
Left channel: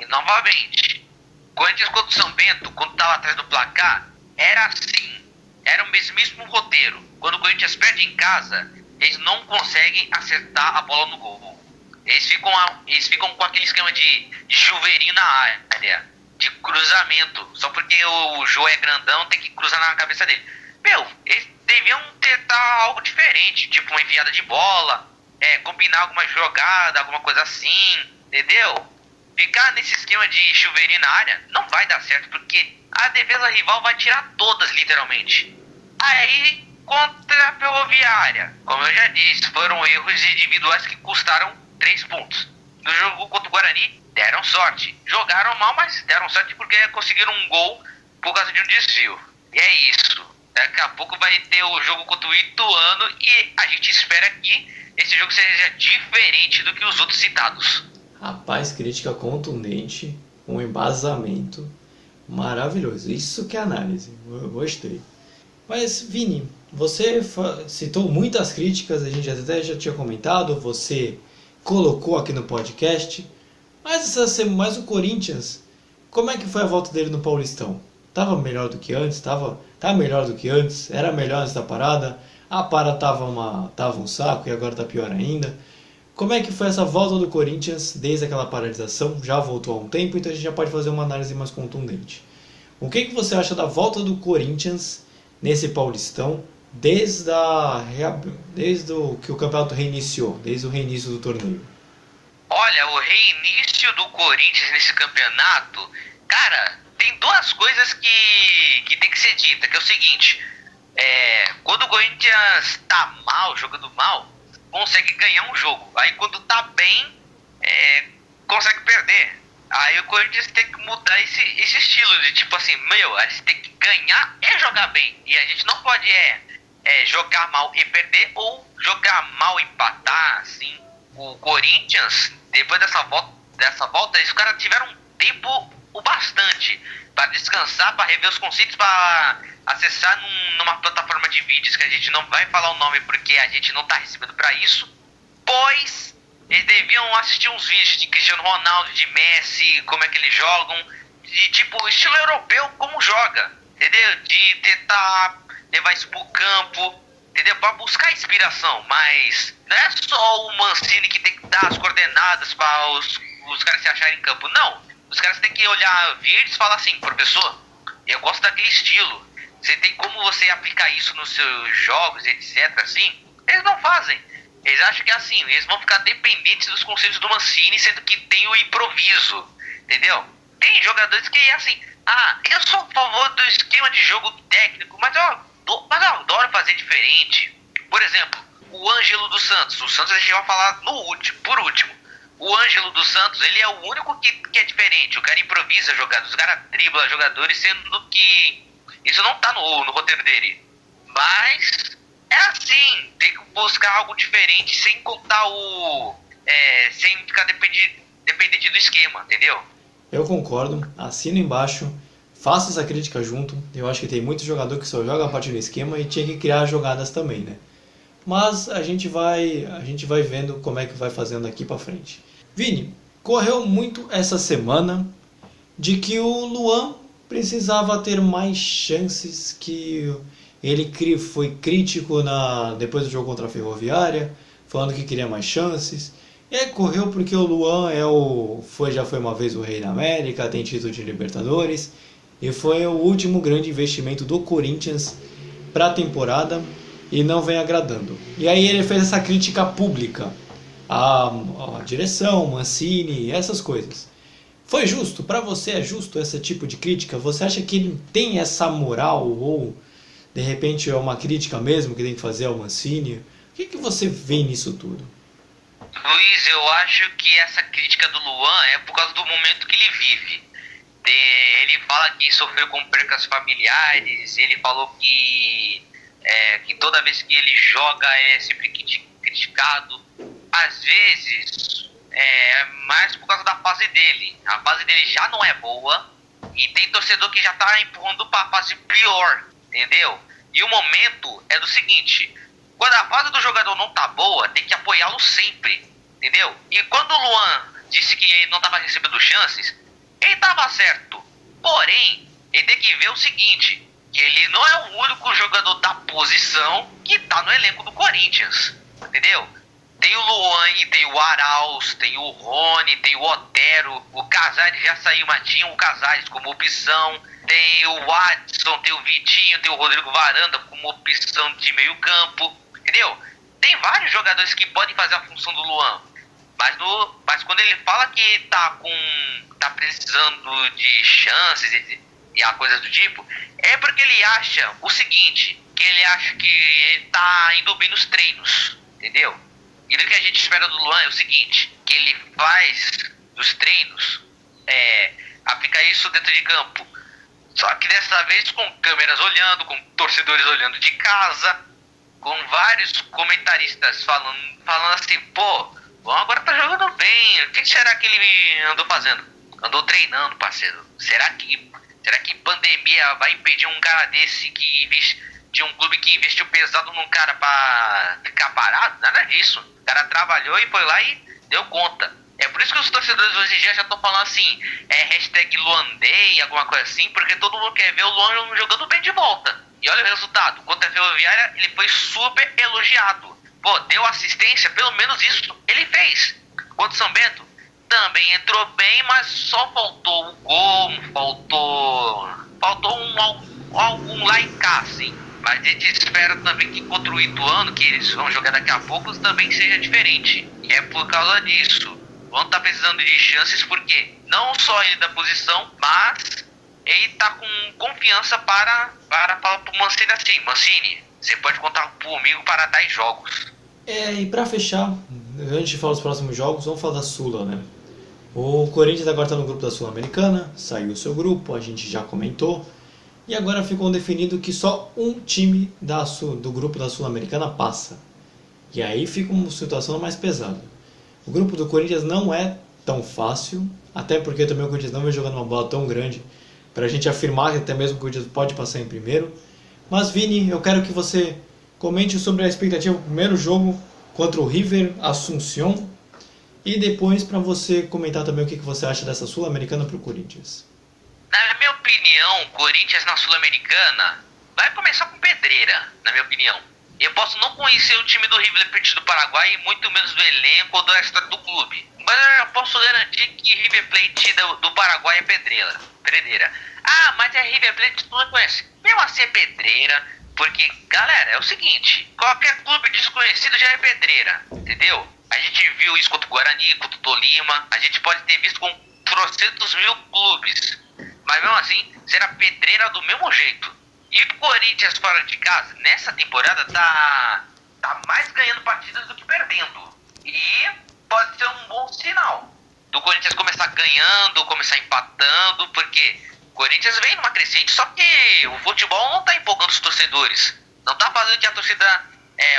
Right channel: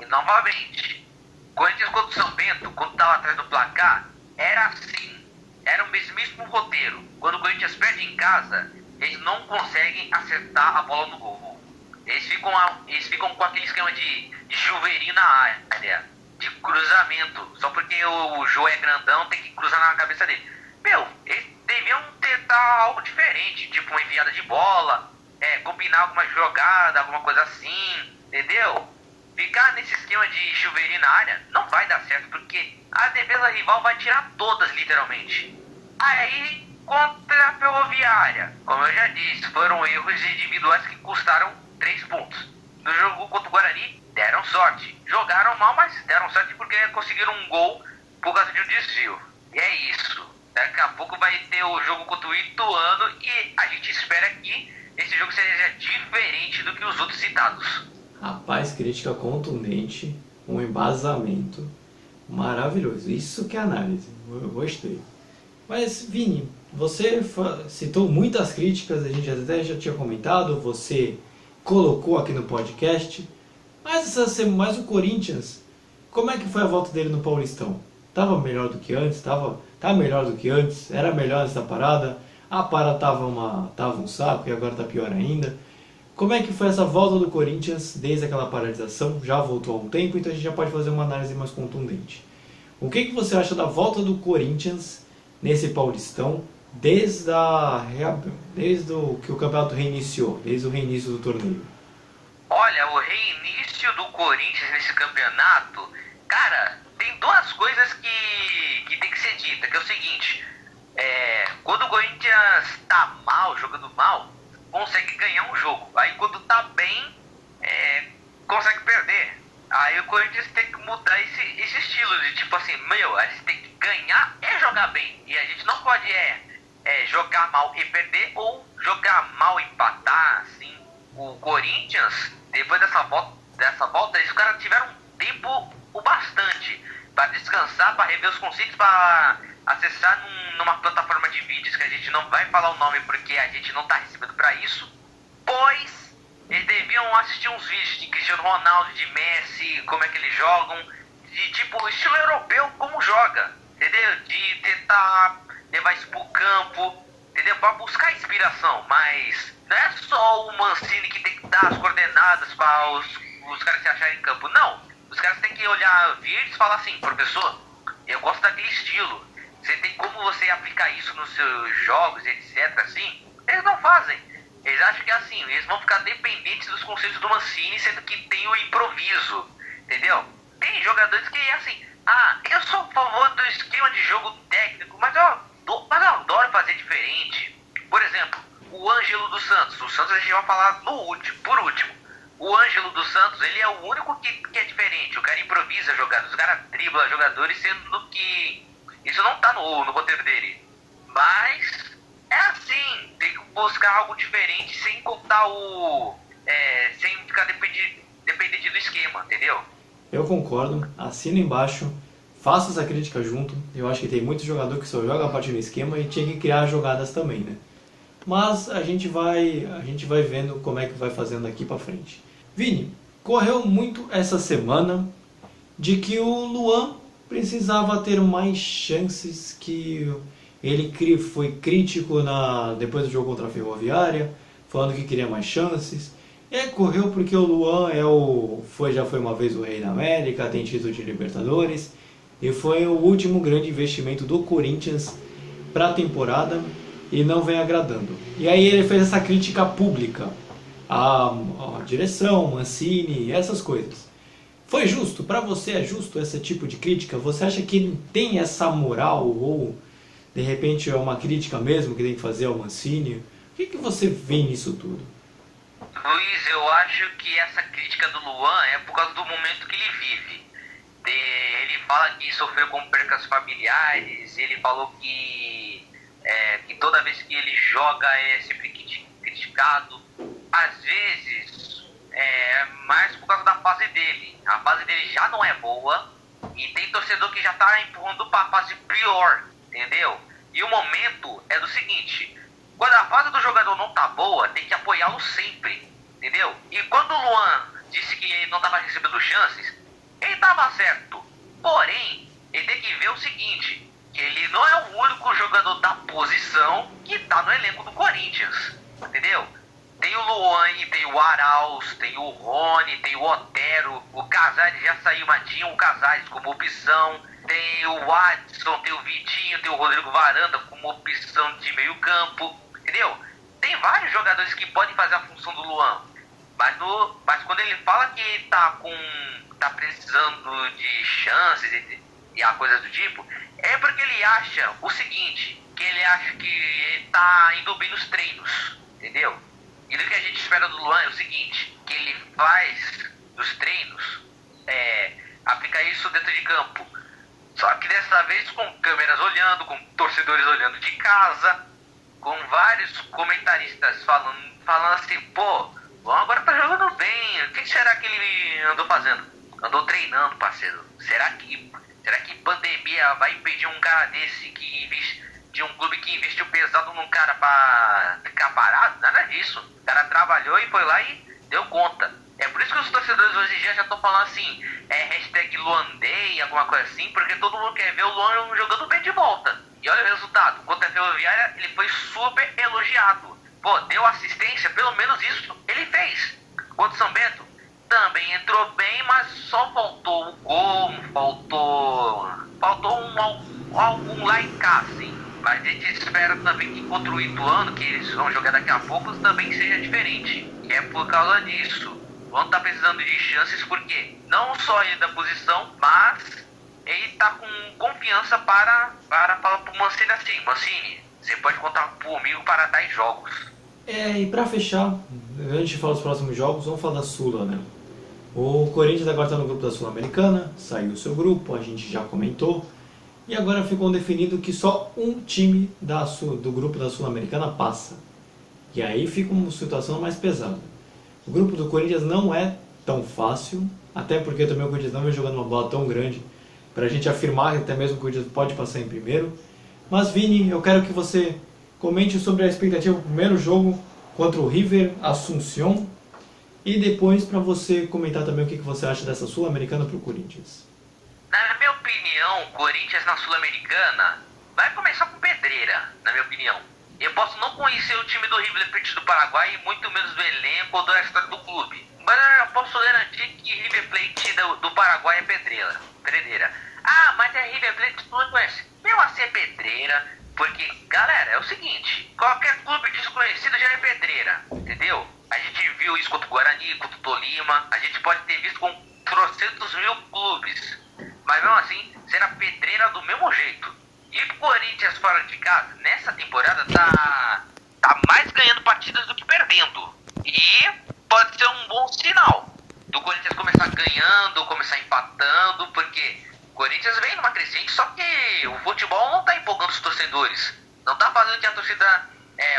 E novamente, o Corinthians contra o São Bento, quando estava atrás do placar, era assim, era o mesmíssimo roteiro. Quando o Corinthians perde em casa, eles não conseguem acertar a bola no gol. Eles ficam com aquele esquema de chuveirinho na área, de cruzamento, só porque o Jô é grandão, tem que cruzar na cabeça dele. Eles deviam tentar algo diferente, tipo uma enviada de bola, combinar alguma jogada, alguma coisa assim, entendeu? Ficar nesse esquema de chuveirinho na área não vai dar certo, porque a defesa rival vai tirar todas, literalmente. Aí, contra a Ferroviária, como eu já disse, foram erros individuais que custaram 3 pontos. No jogo contra o Guarani, deram sorte. Jogaram mal, mas deram sorte porque conseguiram um gol por causa de um desvio. E é isso. Daqui a pouco vai ter o jogo contra o Ituano e a gente espera que esse jogo seja diferente do que os outros citados. Rapaz, crítica contundente, um embasamento maravilhoso. Isso que é análise, eu gostei. Mas, Vini, você citou muitas críticas, a gente até já tinha comentado, você colocou aqui no podcast. Mas o Corinthians, como é que foi a volta dele no Paulistão? Tava melhor do que antes? Tá melhor do que antes? Era melhor antes da parada? A parada tava um saco e agora tá pior ainda. Como é que foi essa volta do Corinthians desde aquela paralisação? Já voltou há um tempo, então a gente já pode fazer uma análise mais contundente. O que você acha da volta do Corinthians nesse Paulistão desde que o campeonato reiniciou, desde o reinício do torneio? Olha, o reinício do Corinthians nesse campeonato, cara, tem duas coisas que tem que ser dita, que é o seguinte, quando o Corinthians tá mal, jogando mal, consegue ganhar um jogo. Aí quando tá bem, consegue perder. Aí o Corinthians tem que mudar esse estilo de tipo assim, a gente tem que ganhar e jogar bem. E a gente não pode jogar mal e perder ou jogar mal e empatar, assim. O Corinthians, depois dessa volta, os caras tiveram tempo o bastante para descansar, para rever os conceitos, para acessar numa plataforma de vídeos que a gente não vai falar o nome porque a gente não tá recebendo para isso, pois eles deviam assistir uns vídeos de Cristiano Ronaldo, de Messi, como é que eles jogam, de tipo estilo europeu, como joga, entendeu? De tentar levar isso pro campo, entendeu? Para buscar inspiração, mas não é só o Mancini que tem que dar as coordenadas para os caras se acharem em campo, não. Os caras têm que olhar vídeos e falar assim, professor, eu gosto daquele estilo, você tem como você aplicar isso nos seus jogos, etc, assim? Eles não fazem. Eles acham que é assim, eles vão ficar dependentes dos conceitos do Mancini, sendo que tem o improviso, entendeu? Tem jogadores que é assim, eu sou a favor do esquema de jogo técnico, mas eu adoro fazer diferente. Por exemplo, o Ângelo dos Santos. O Santos a gente vai falar por último. O Ângelo dos Santos, ele é o único que é diferente. O cara improvisa jogadas, o cara dribla jogadores, sendo que isso não tá no roteiro dele. Mas é assim, tem que buscar algo diferente sem contar sem ficar dependente do esquema, entendeu? Eu concordo, assino embaixo, faço essa crítica junto. Eu acho que tem muito jogador que só joga a partir do esquema e tinha que criar jogadas também, né? Mas a gente vai vendo como é que vai fazendo daqui pra frente. Vini, correu muito essa semana de que o Luan precisava ter mais chances, que ele foi crítico depois do jogo contra a Ferroviária, falando que queria mais chances. E aí correu porque o Luan já foi uma vez o rei da América, tem título de Libertadores, e foi o último grande investimento do Corinthians para a temporada e não vem agradando. E aí ele fez essa crítica pública à direção, Mancini, essas coisas. Foi justo? Para você é justo esse tipo de crítica? Você acha que ele tem essa moral ou de repente é uma crítica mesmo que tem que fazer ao Mancini? O que você vê nisso tudo? Luiz, eu acho que essa crítica do Luan é por causa do momento que ele vive. Ele fala que sofreu com percas familiares, ele falou que toda vez que ele joga é sempre criticado. Às vezes é mais por causa da fase dele. A fase dele já não é boa e tem torcedor que já tá empurrando para a fase pior, entendeu? E o momento é do seguinte: quando a fase do jogador não tá boa, tem que apoiá-lo sempre, entendeu? E quando o Luan disse que ele não tava recebendo chances, ele tava certo. Porém, ele tem que ver o seguinte, que ele não é o único jogador da posição que tá no elenco do Corinthians, entendeu? Tem o Luan, tem o Arauz, tem o Rony, tem o Otero, o Casares já saiu, mas tinha o Casares como opção, tem o Watson, tem o Vitinho, tem o Rodrigo Varanda como opção de meio campo, entendeu? Tem vários jogadores que podem fazer a função do Luan, mas quando ele fala que tá precisando de chances e a coisa do tipo, é porque ele acha o seguinte, que ele acha que ele tá indo bem nos treinos, entendeu? E do que a gente espera do Luan é o seguinte, que ele faz dos treinos, aplicar isso dentro de campo. Só que dessa vez com câmeras olhando, com torcedores olhando de casa, com vários comentaristas falando assim, pô, o Luan agora tá jogando bem, o que será que ele andou fazendo? Andou treinando, parceiro. Será que pandemia vai impedir um cara desse de um clube que investiu pesado num cara pra ficar parado? Nada disso. O cara trabalhou e foi lá e deu conta. É por isso que os torcedores hoje em dia já estão falando assim, hashtag Luandei, alguma coisa assim, porque todo mundo quer ver o Luan jogando bem de volta. E olha o resultado. Contra a Ferroviária, ele foi super elogiado. Pô, deu assistência, pelo menos isso ele fez. Contra o São Bento, também entrou bem, mas só faltou o gol, faltou um lá em cá, assim. Mas a gente espera também que contra o Ituano, que eles vão jogar daqui a pouco, também seja diferente. E é por causa disso. O Luan tá precisando de chances porque não só ele da posição, mas ele tá com confiança para falar pro Mancini assim, Mancini, você pode contar comigo para 10 jogos. E pra fechar, antes de falar dos próximos jogos, vamos falar da Sula, né? O Corinthians agora está no grupo da Sul-Americana, saiu o seu grupo, a gente já comentou. E agora ficou definido que só um time do grupo da Sul-Americana passa. E aí fica uma situação mais pesada. O grupo do Corinthians não é tão fácil, até porque também o Corinthians não vem jogando uma bola tão grande para a gente afirmar que até mesmo o Corinthians pode passar em primeiro. Mas Vini, eu quero que você comente sobre a expectativa do primeiro jogo contra o River Asunción e depois para você comentar também o que você acha dessa Sul-Americana para o Corinthians. Na minha opinião, o Corinthians na Sul-Americana vai começar com pedreira, na minha opinião. Eu posso não conhecer o time do River Plate do Paraguai e muito menos do elenco ou da história do clube. Mas eu já posso garantir que River Plate do Paraguai é pedreira. Ah, mas é River Plate que tu não conhece. Mesmo assim é pedreira, porque, galera, é o seguinte, qualquer clube desconhecido já é pedreira, entendeu? A gente viu isso contra o Guarani, contra o Tolima, a gente pode ter visto com trocentos mil clubes. Mas mesmo assim, será pedreira do mesmo jeito. E o Corinthians fora de casa, nessa temporada, tá mais ganhando partidas do que perdendo. E pode ser um bom sinal do Corinthians começar ganhando, começar empatando, porque o Corinthians vem numa crescente, só que o futebol não tá empolgando os torcedores. Não tá fazendo que a torcida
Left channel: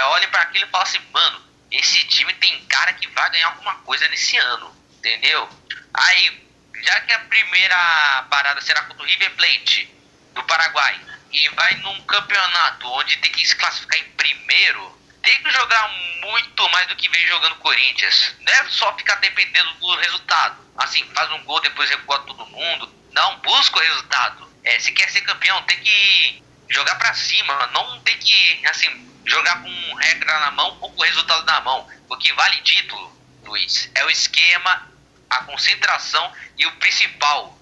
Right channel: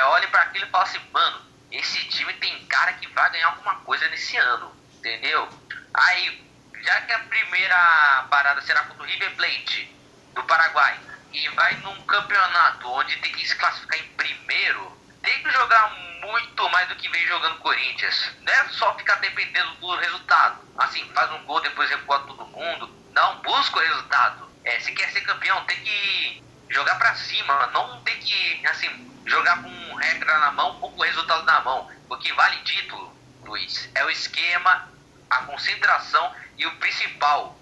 olhe para aquilo e fale assim, mano, esse time tem cara que vai ganhar alguma coisa nesse ano, entendeu? Aí, já que a primeira parada será contra o River Plate do Paraguai e vai num campeonato onde tem que se classificar em primeiro, tem que jogar muito mais do que vem jogando o Corinthians. Não é só ficar dependendo do resultado. Assim, faz um gol, depois recua todo mundo. Não, busca o resultado. Se quer ser campeão, tem que jogar pra cima. Não tem que, assim, jogar com regra na mão ou com o resultado na mão. o que vale título, Luiz, é o esquema, a concentração e o principal,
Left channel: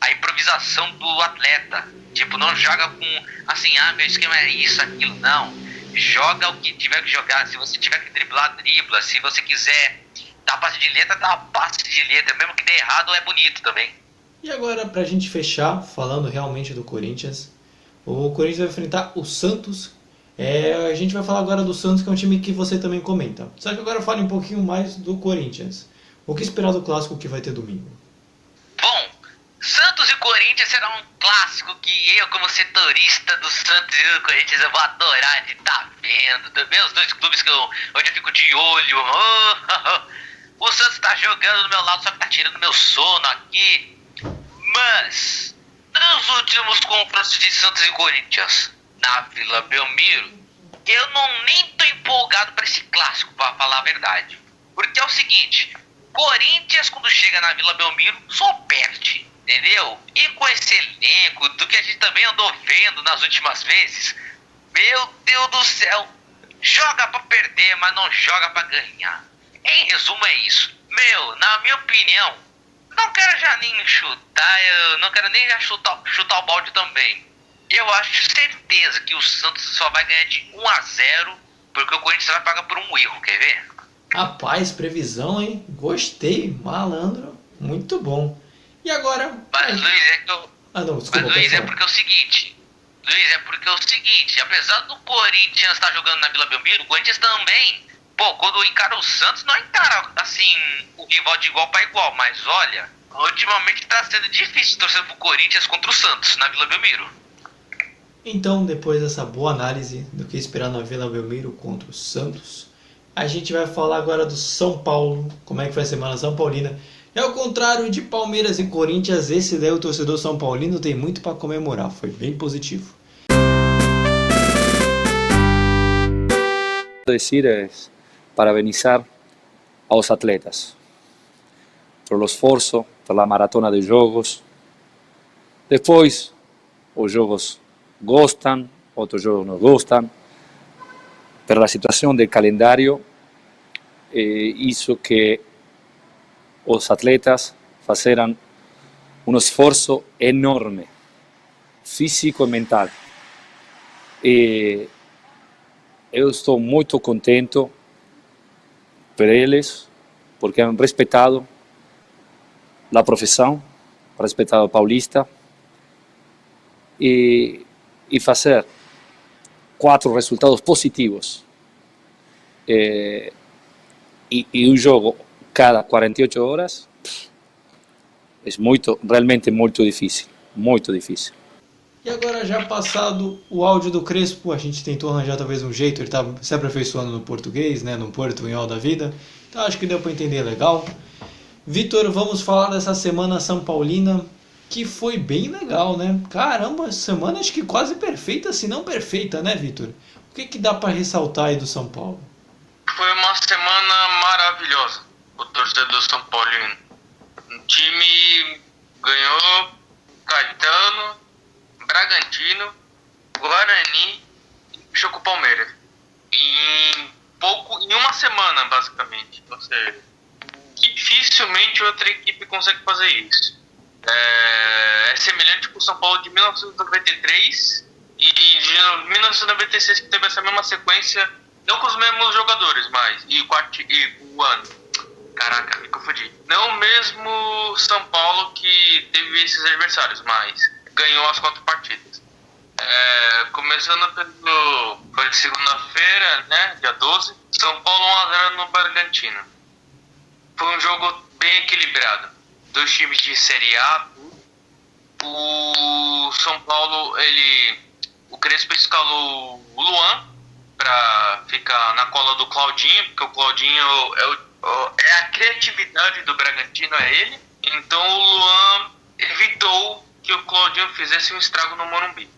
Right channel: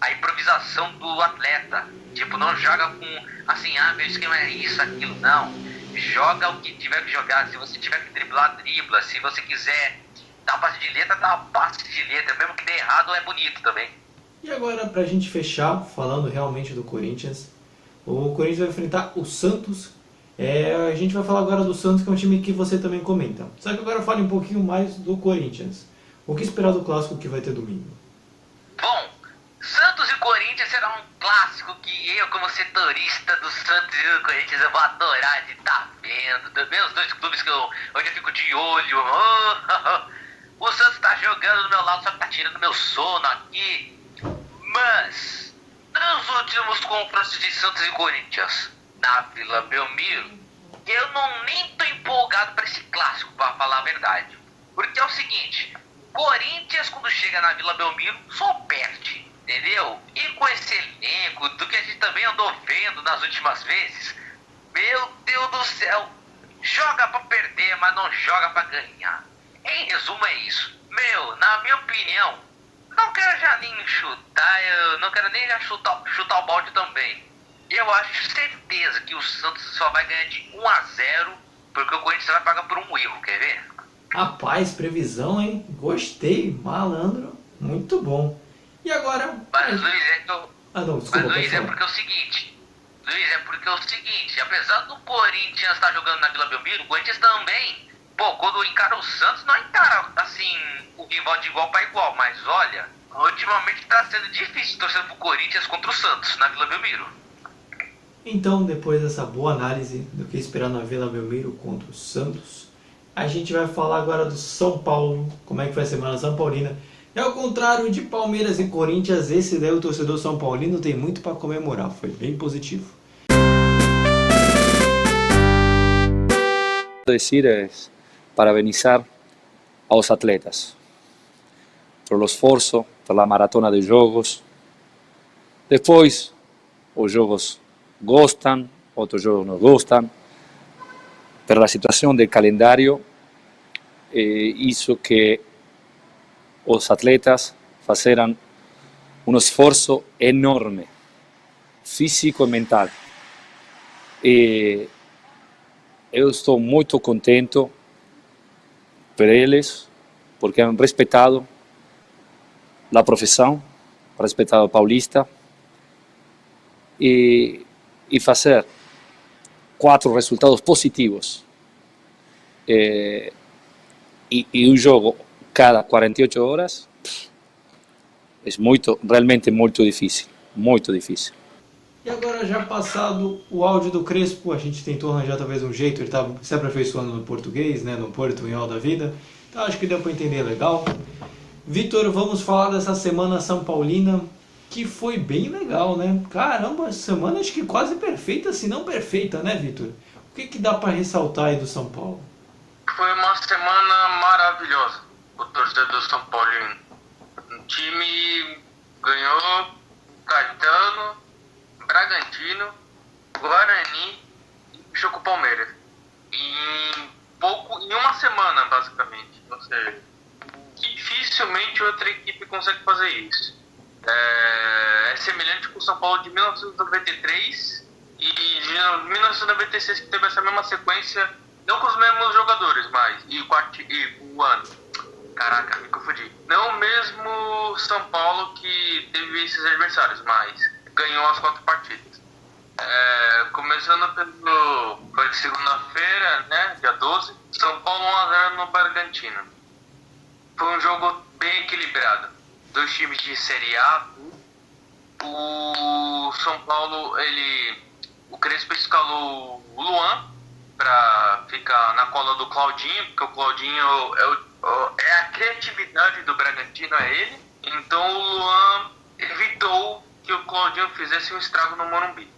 a improvisação do atleta. Tipo, não joga com, assim, meu esquema é isso, aquilo, não. Joga o que tiver que jogar. Se você tiver que driblar, dribla. Se você quiser dar passe de letra, dá uma passe de letra. Mesmo que dê errado, é bonito também. E agora, pra gente fechar, falando realmente do Corinthians, o Corinthians vai enfrentar o Santos. A gente vai falar agora do Santos, que é um time que você também comenta. Só que agora fale um pouquinho mais do Corinthians. O que esperar do clássico que vai ter domingo? Bom, Santos e Corinthians será um clássico que eu, como setorista do Santos e do Corinthians, eu vou adorar de estar vendo. Também os dois clubes onde eu fico de olho. O Santos tá jogando do meu lado, só que tá tirando meu sono aqui. Mas, nos últimos confrontos de Santos e Corinthians, na Vila Belmiro, eu nem tô empolgado para esse clássico, para falar a verdade. Porque é o seguinte, Corinthians, quando chega na Vila Belmiro, só perde, entendeu? E com esse elenco, do que a gente também andou vendo nas últimas vezes, meu Deus do céu, joga para perder, mas não joga para ganhar. Em resumo é isso. Na minha opinião, não quero já nem chutar, eu não quero nem já chutar o balde também. Eu acho certeza que o Santos só vai ganhar de 1-0, porque o Corinthians vai pagar por um erro, quer ver? Rapaz, previsão, hein? Gostei, malandro, muito bom. E agora? Mas, Luiz, Desculpa, é porque é o seguinte. Apesar do Corinthians estar jogando na Vila Belmiro, o Corinthians também, quando encara o Santos, não encara, assim, o rival de igual para igual. Mas, olha, ultimamente está sendo difícil torcer pro Corinthians contra o Santos na Vila Belmiro. Então, depois dessa boa análise do que esperar na Vila Belmiro contra o Santos, a gente vai falar agora do São Paulo, como é que foi a semana São Paulina. E ao contrário de Palmeiras e Corinthians, esse daí o torcedor São Paulino tem muito para comemorar, foi bem positivo. Decir es parabenizar aos atletas pelo esforço, pela maratona de jogos. Depois, os jogos gostam, outros jogos não gostam. Pela situação do calendário, isso que os atletas fizeram um esforço enorme, físico e mental. Eu estou muito contente por eles, porque han respeitado a profissão, respeitado o Paulista, e fazer 4 resultados positivos e um jogo cada 48 horas é realmente muito difícil, muito difícil. E agora, já passado o áudio do Crespo, a gente tentou arranjar talvez um jeito, ele estava se aperfeiçoando no português, né, no portunhol da vida, então acho que deu para entender legal. Vitor, vamos falar dessa semana São Paulina, que foi bem legal, né? Caramba, semana acho que quase perfeita, se não perfeita, né, Vitor? O que dá para ressaltar aí do São Paulo? Foi uma semana maravilhosa, o torcedor São Paulino. O time ganhou Caetano, Bragantino, Guarani e fechou com o Palmeiras. Em uma semana, basicamente. Ou seja, dificilmente outra equipe consegue fazer isso. É semelhante com o São Paulo de 1993 e de 1996, que teve essa mesma sequência, não com os mesmos jogadores, mas e o ano. Caraca, me confundi. Não o mesmo São Paulo que teve esses adversários, mas ganhou as 4 partidas. Começando foi de segunda-feira, né, dia 12, São Paulo 1-0 no Bragantino. Foi um jogo bem equilibrado. 2 times de Série A. O São Paulo, o Crespo escalou o Luan para ficar na cola do Claudinho, porque o Claudinho é a criatividade do Bragantino, é ele. Então o Luan evitou que o Claudinho fizesse um estrago no Morumbi.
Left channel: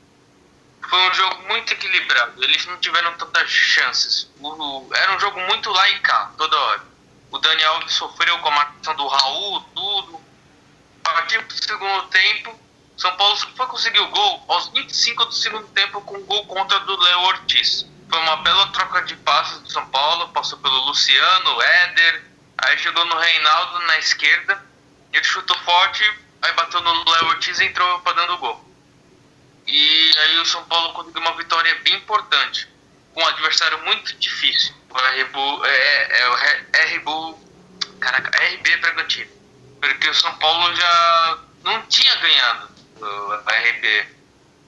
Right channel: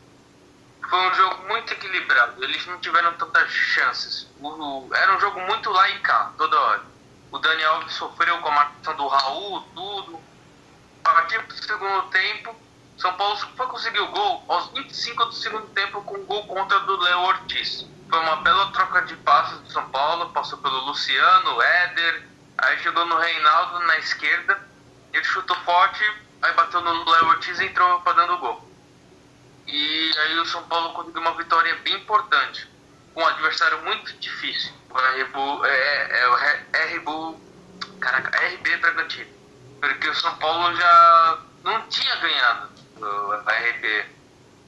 Foi um jogo muito equilibrado, eles não tiveram tantas chances. Era um jogo muito lá e cá, toda hora. O Daniel sofreu com a marcação do Raul, tudo. A partir do segundo tempo, São Paulo foi conseguir o gol aos 25 do segundo tempo com um gol contra do Léo Ortiz. Foi uma bela troca de passos do São Paulo, passou pelo Luciano, o Éder, aí chegou no Reinaldo na esquerda, ele chutou forte, aí bateu no Léo Ortiz e entrou para dentro do gol. E aí o São Paulo conseguiu uma vitória bem importante, com um adversário muito difícil. O RB Bragantino. Porque o São Paulo já não tinha ganhado o RB.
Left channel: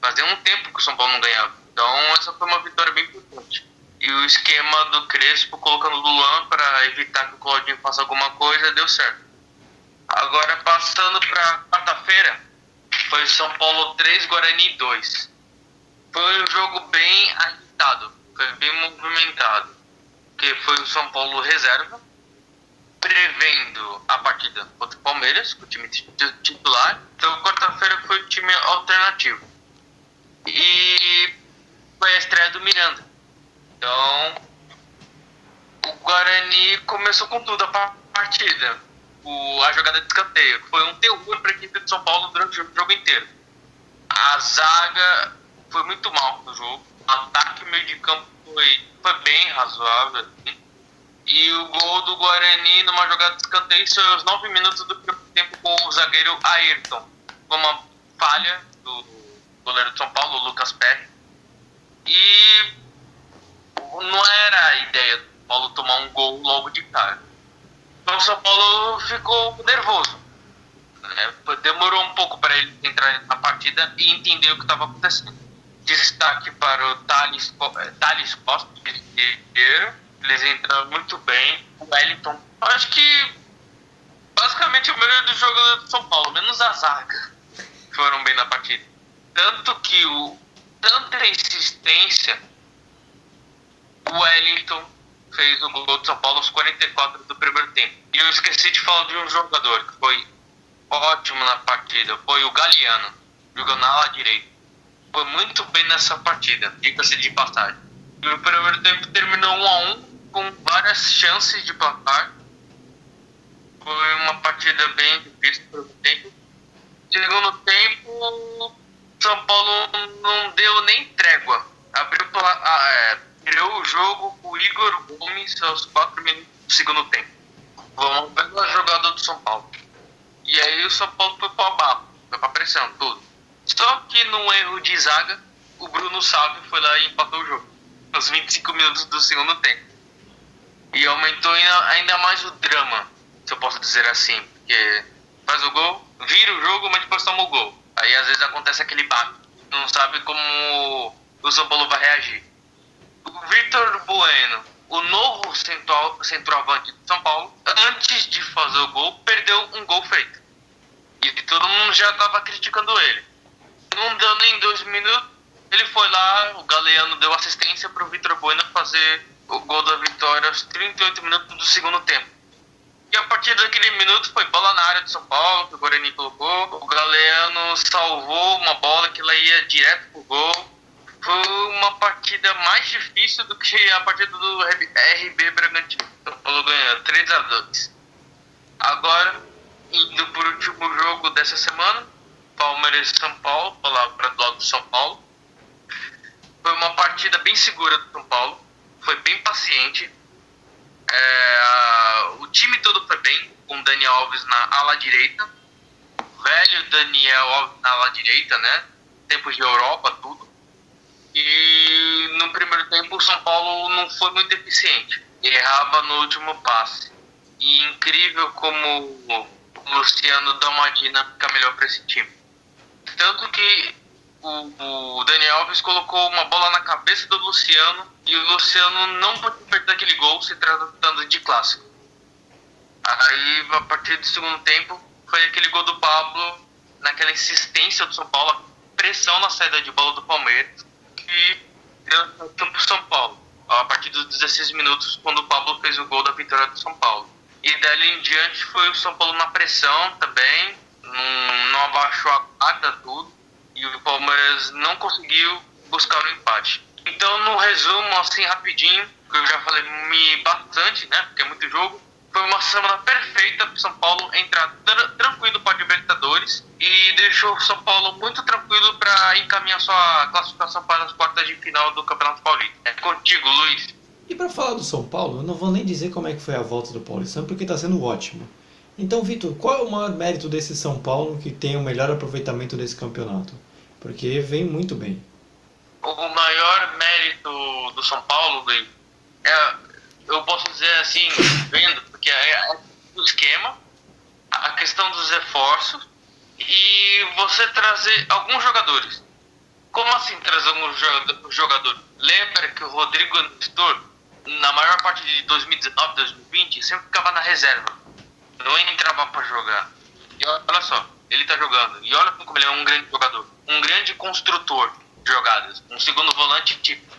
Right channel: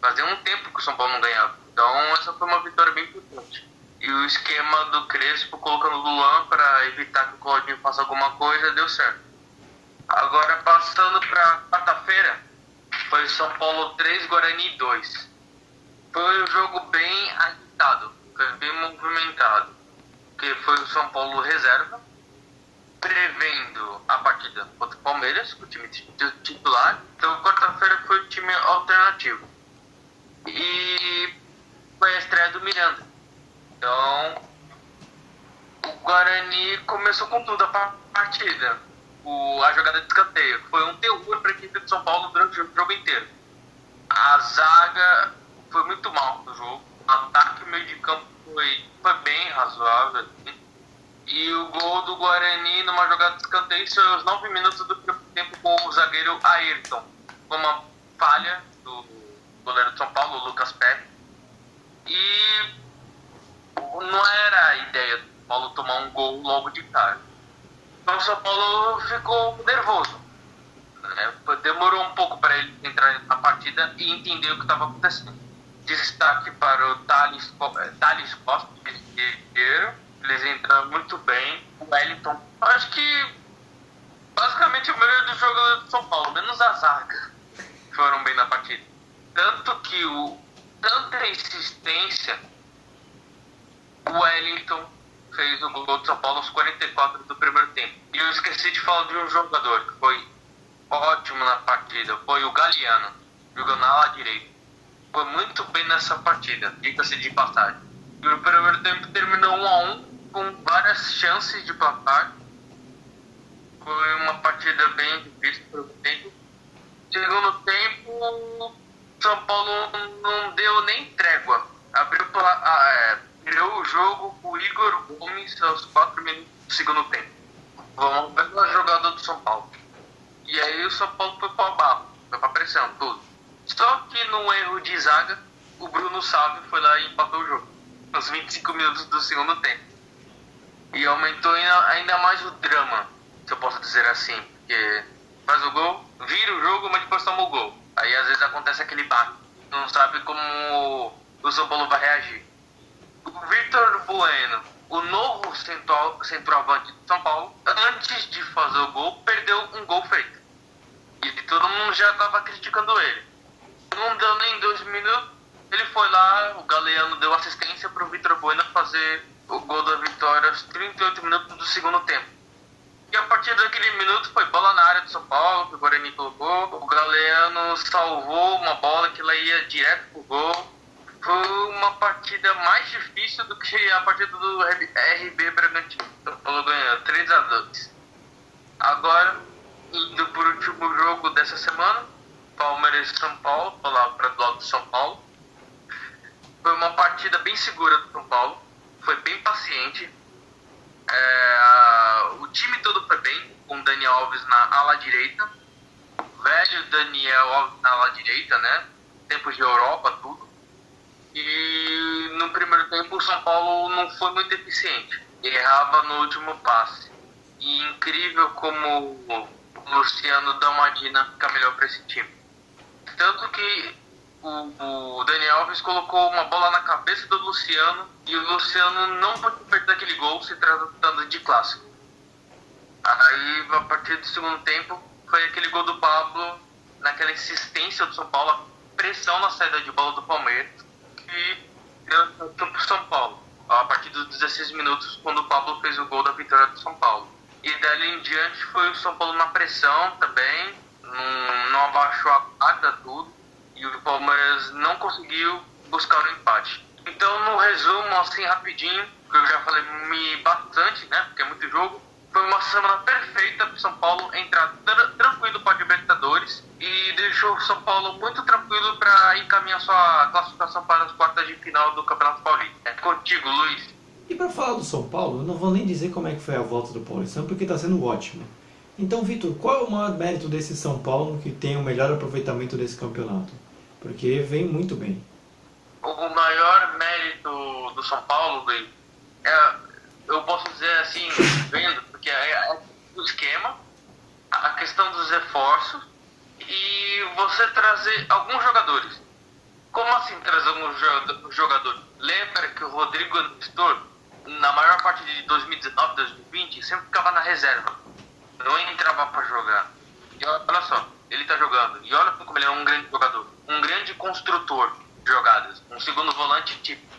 Fazia um tempo que o São Paulo não ganhava. Então essa foi uma vitória bem importante. E o esquema do Crespo colocando o Luan para evitar que o Claudinho faça alguma coisa deu certo. Agora passando para quarta-feira, foi São Paulo 3, Guarani 2. Foi um jogo bem agitado, foi bem movimentado. Porque foi o São Paulo reserva, prevendo a partida contra o Palmeiras, com o time titular. Então quarta-feira foi o time alternativo. E foi a estreia do Miranda. Então o Guarani começou com tudo a partida. A jogada de escanteio foi um terror para a equipe de São Paulo durante o jogo inteiro. A zaga foi muito mal no jogo. O ataque meio de campo foi bem razoável. E o gol do Guarani numa jogada de escanteio foi aos 9 minutos do primeiro tempo com o zagueiro Ayrton. Foi uma falha do goleiro de São Paulo, o Lucas Perry. E não era a ideia do Paulo tomar um gol logo de cara. Então o São Paulo ficou nervoso. Demorou um pouco para ele entrar na partida e entender o que estava acontecendo. Destaque para o Thales Costa, eles entraram muito bem. O Wellington, acho que basicamente o melhor do jogo do São Paulo, menos a zaga, foram bem na partida. Tanto que tanta insistência, o Wellington fez o gol do São Paulo aos 44 do primeiro tempo. E eu esqueci de falar de um jogador que foi ótimo na partida, foi o Galeano, jogando na ala direita. Foi muito bem nessa partida, diga-se de passagem. E o primeiro tempo terminou 1-1, com várias chances de placar. Foi uma partida bem difícil para o tempo. Segundo tempo, São Paulo não deu nem trégua. Virou o jogo com o Igor Gomes aos 4 minutos do segundo tempo. Foi uma bela jogada do São Paulo. E aí o São Paulo foi para o abalo, foi para a pressão, tudo. Só que num erro de zaga, o Bruno Salve foi lá e empatou o jogo. Aos 25 minutos do segundo tempo. E aumentou ainda mais o drama, se eu posso dizer assim. Porque faz o gol, vira o jogo, mas depois toma o gol. Aí às vezes acontece aquele baque. Não sabe como o São Paulo vai reagir. O Vitor Bueno, o novo centroavante de São Paulo, antes de fazer o gol, perdeu um gol feito. E todo mundo já estava criticando ele. Não deu nem 2 minutos, ele foi lá, o Galeano deu assistência para o Vitor Bueno fazer o gol da vitória aos 38 minutos do segundo tempo. E a partir daquele minuto foi bola na área do São Paulo, que o Guarani colocou. O Galeano salvou uma bola que ela ia direto pro gol. Foi uma partida mais difícil do que a partida do RB Bragantino. São Paulo ganhando 3-2. Agora, indo para o último jogo dessa semana, Palmeiras e São Paulo, falar para do lado do São Paulo. Foi uma partida bem segura do São Paulo, foi bem paciente. O time todo foi bem, com o Daniel Alves na ala direita. O velho Daniel Alves na ala direita, né? Tempos de Europa, tudo. E no primeiro tempo o São Paulo não foi muito eficiente. Errava no último passe. E incrível como o Luciano dá uma dinâmica melhor para esse time. Tanto que o Daniel Alves colocou uma bola na cabeça do Luciano e o Luciano não pôde perder aquele gol se tratando de clássico. Aí, a partir do segundo tempo, foi aquele gol do Pablo, naquela insistência do São Paulo, a pressão na saída de bola do Palmeiras, que deu para o São Paulo, a partir dos 16 minutos, quando o Pablo fez o gol da vitória do São Paulo. E dali em diante foi o São Paulo na pressão também, não abaixou a guarda, tudo, e o Palmeiras não conseguiu buscar o empate. Então, no resumo, assim, rapidinho, que eu já falei bastante, né, porque é muito jogo, foi foi uma semana perfeita para o São Paulo entrar tranquilo para a Libertadores e deixou o São Paulo muito tranquilo para encaminhar sua classificação para as quartas de final do Campeonato Paulista. É contigo, Luiz. E para falar do São Paulo, eu não vou nem dizer como é que foi a volta do Paulistão, porque está sendo ótimo. Então, Vitor, qual é o maior mérito desse São Paulo que tem o melhor aproveitamento desse campeonato? Porque vem muito bem. O maior mérito do São Paulo, Luiz, eu posso dizer assim, vendo, porque é o esquema, a questão dos reforços e você trazer alguns jogadores. Como assim trazer alguns jogadores? Lembra que o Rodrigo Nestor, na maior parte de 2019, 2020, sempre ficava na reserva. Não entrava para jogar. E olha só, ele tá jogando. E olha como ele é um grande jogador. Um grande construtor de jogadas. Um segundo volante tipo.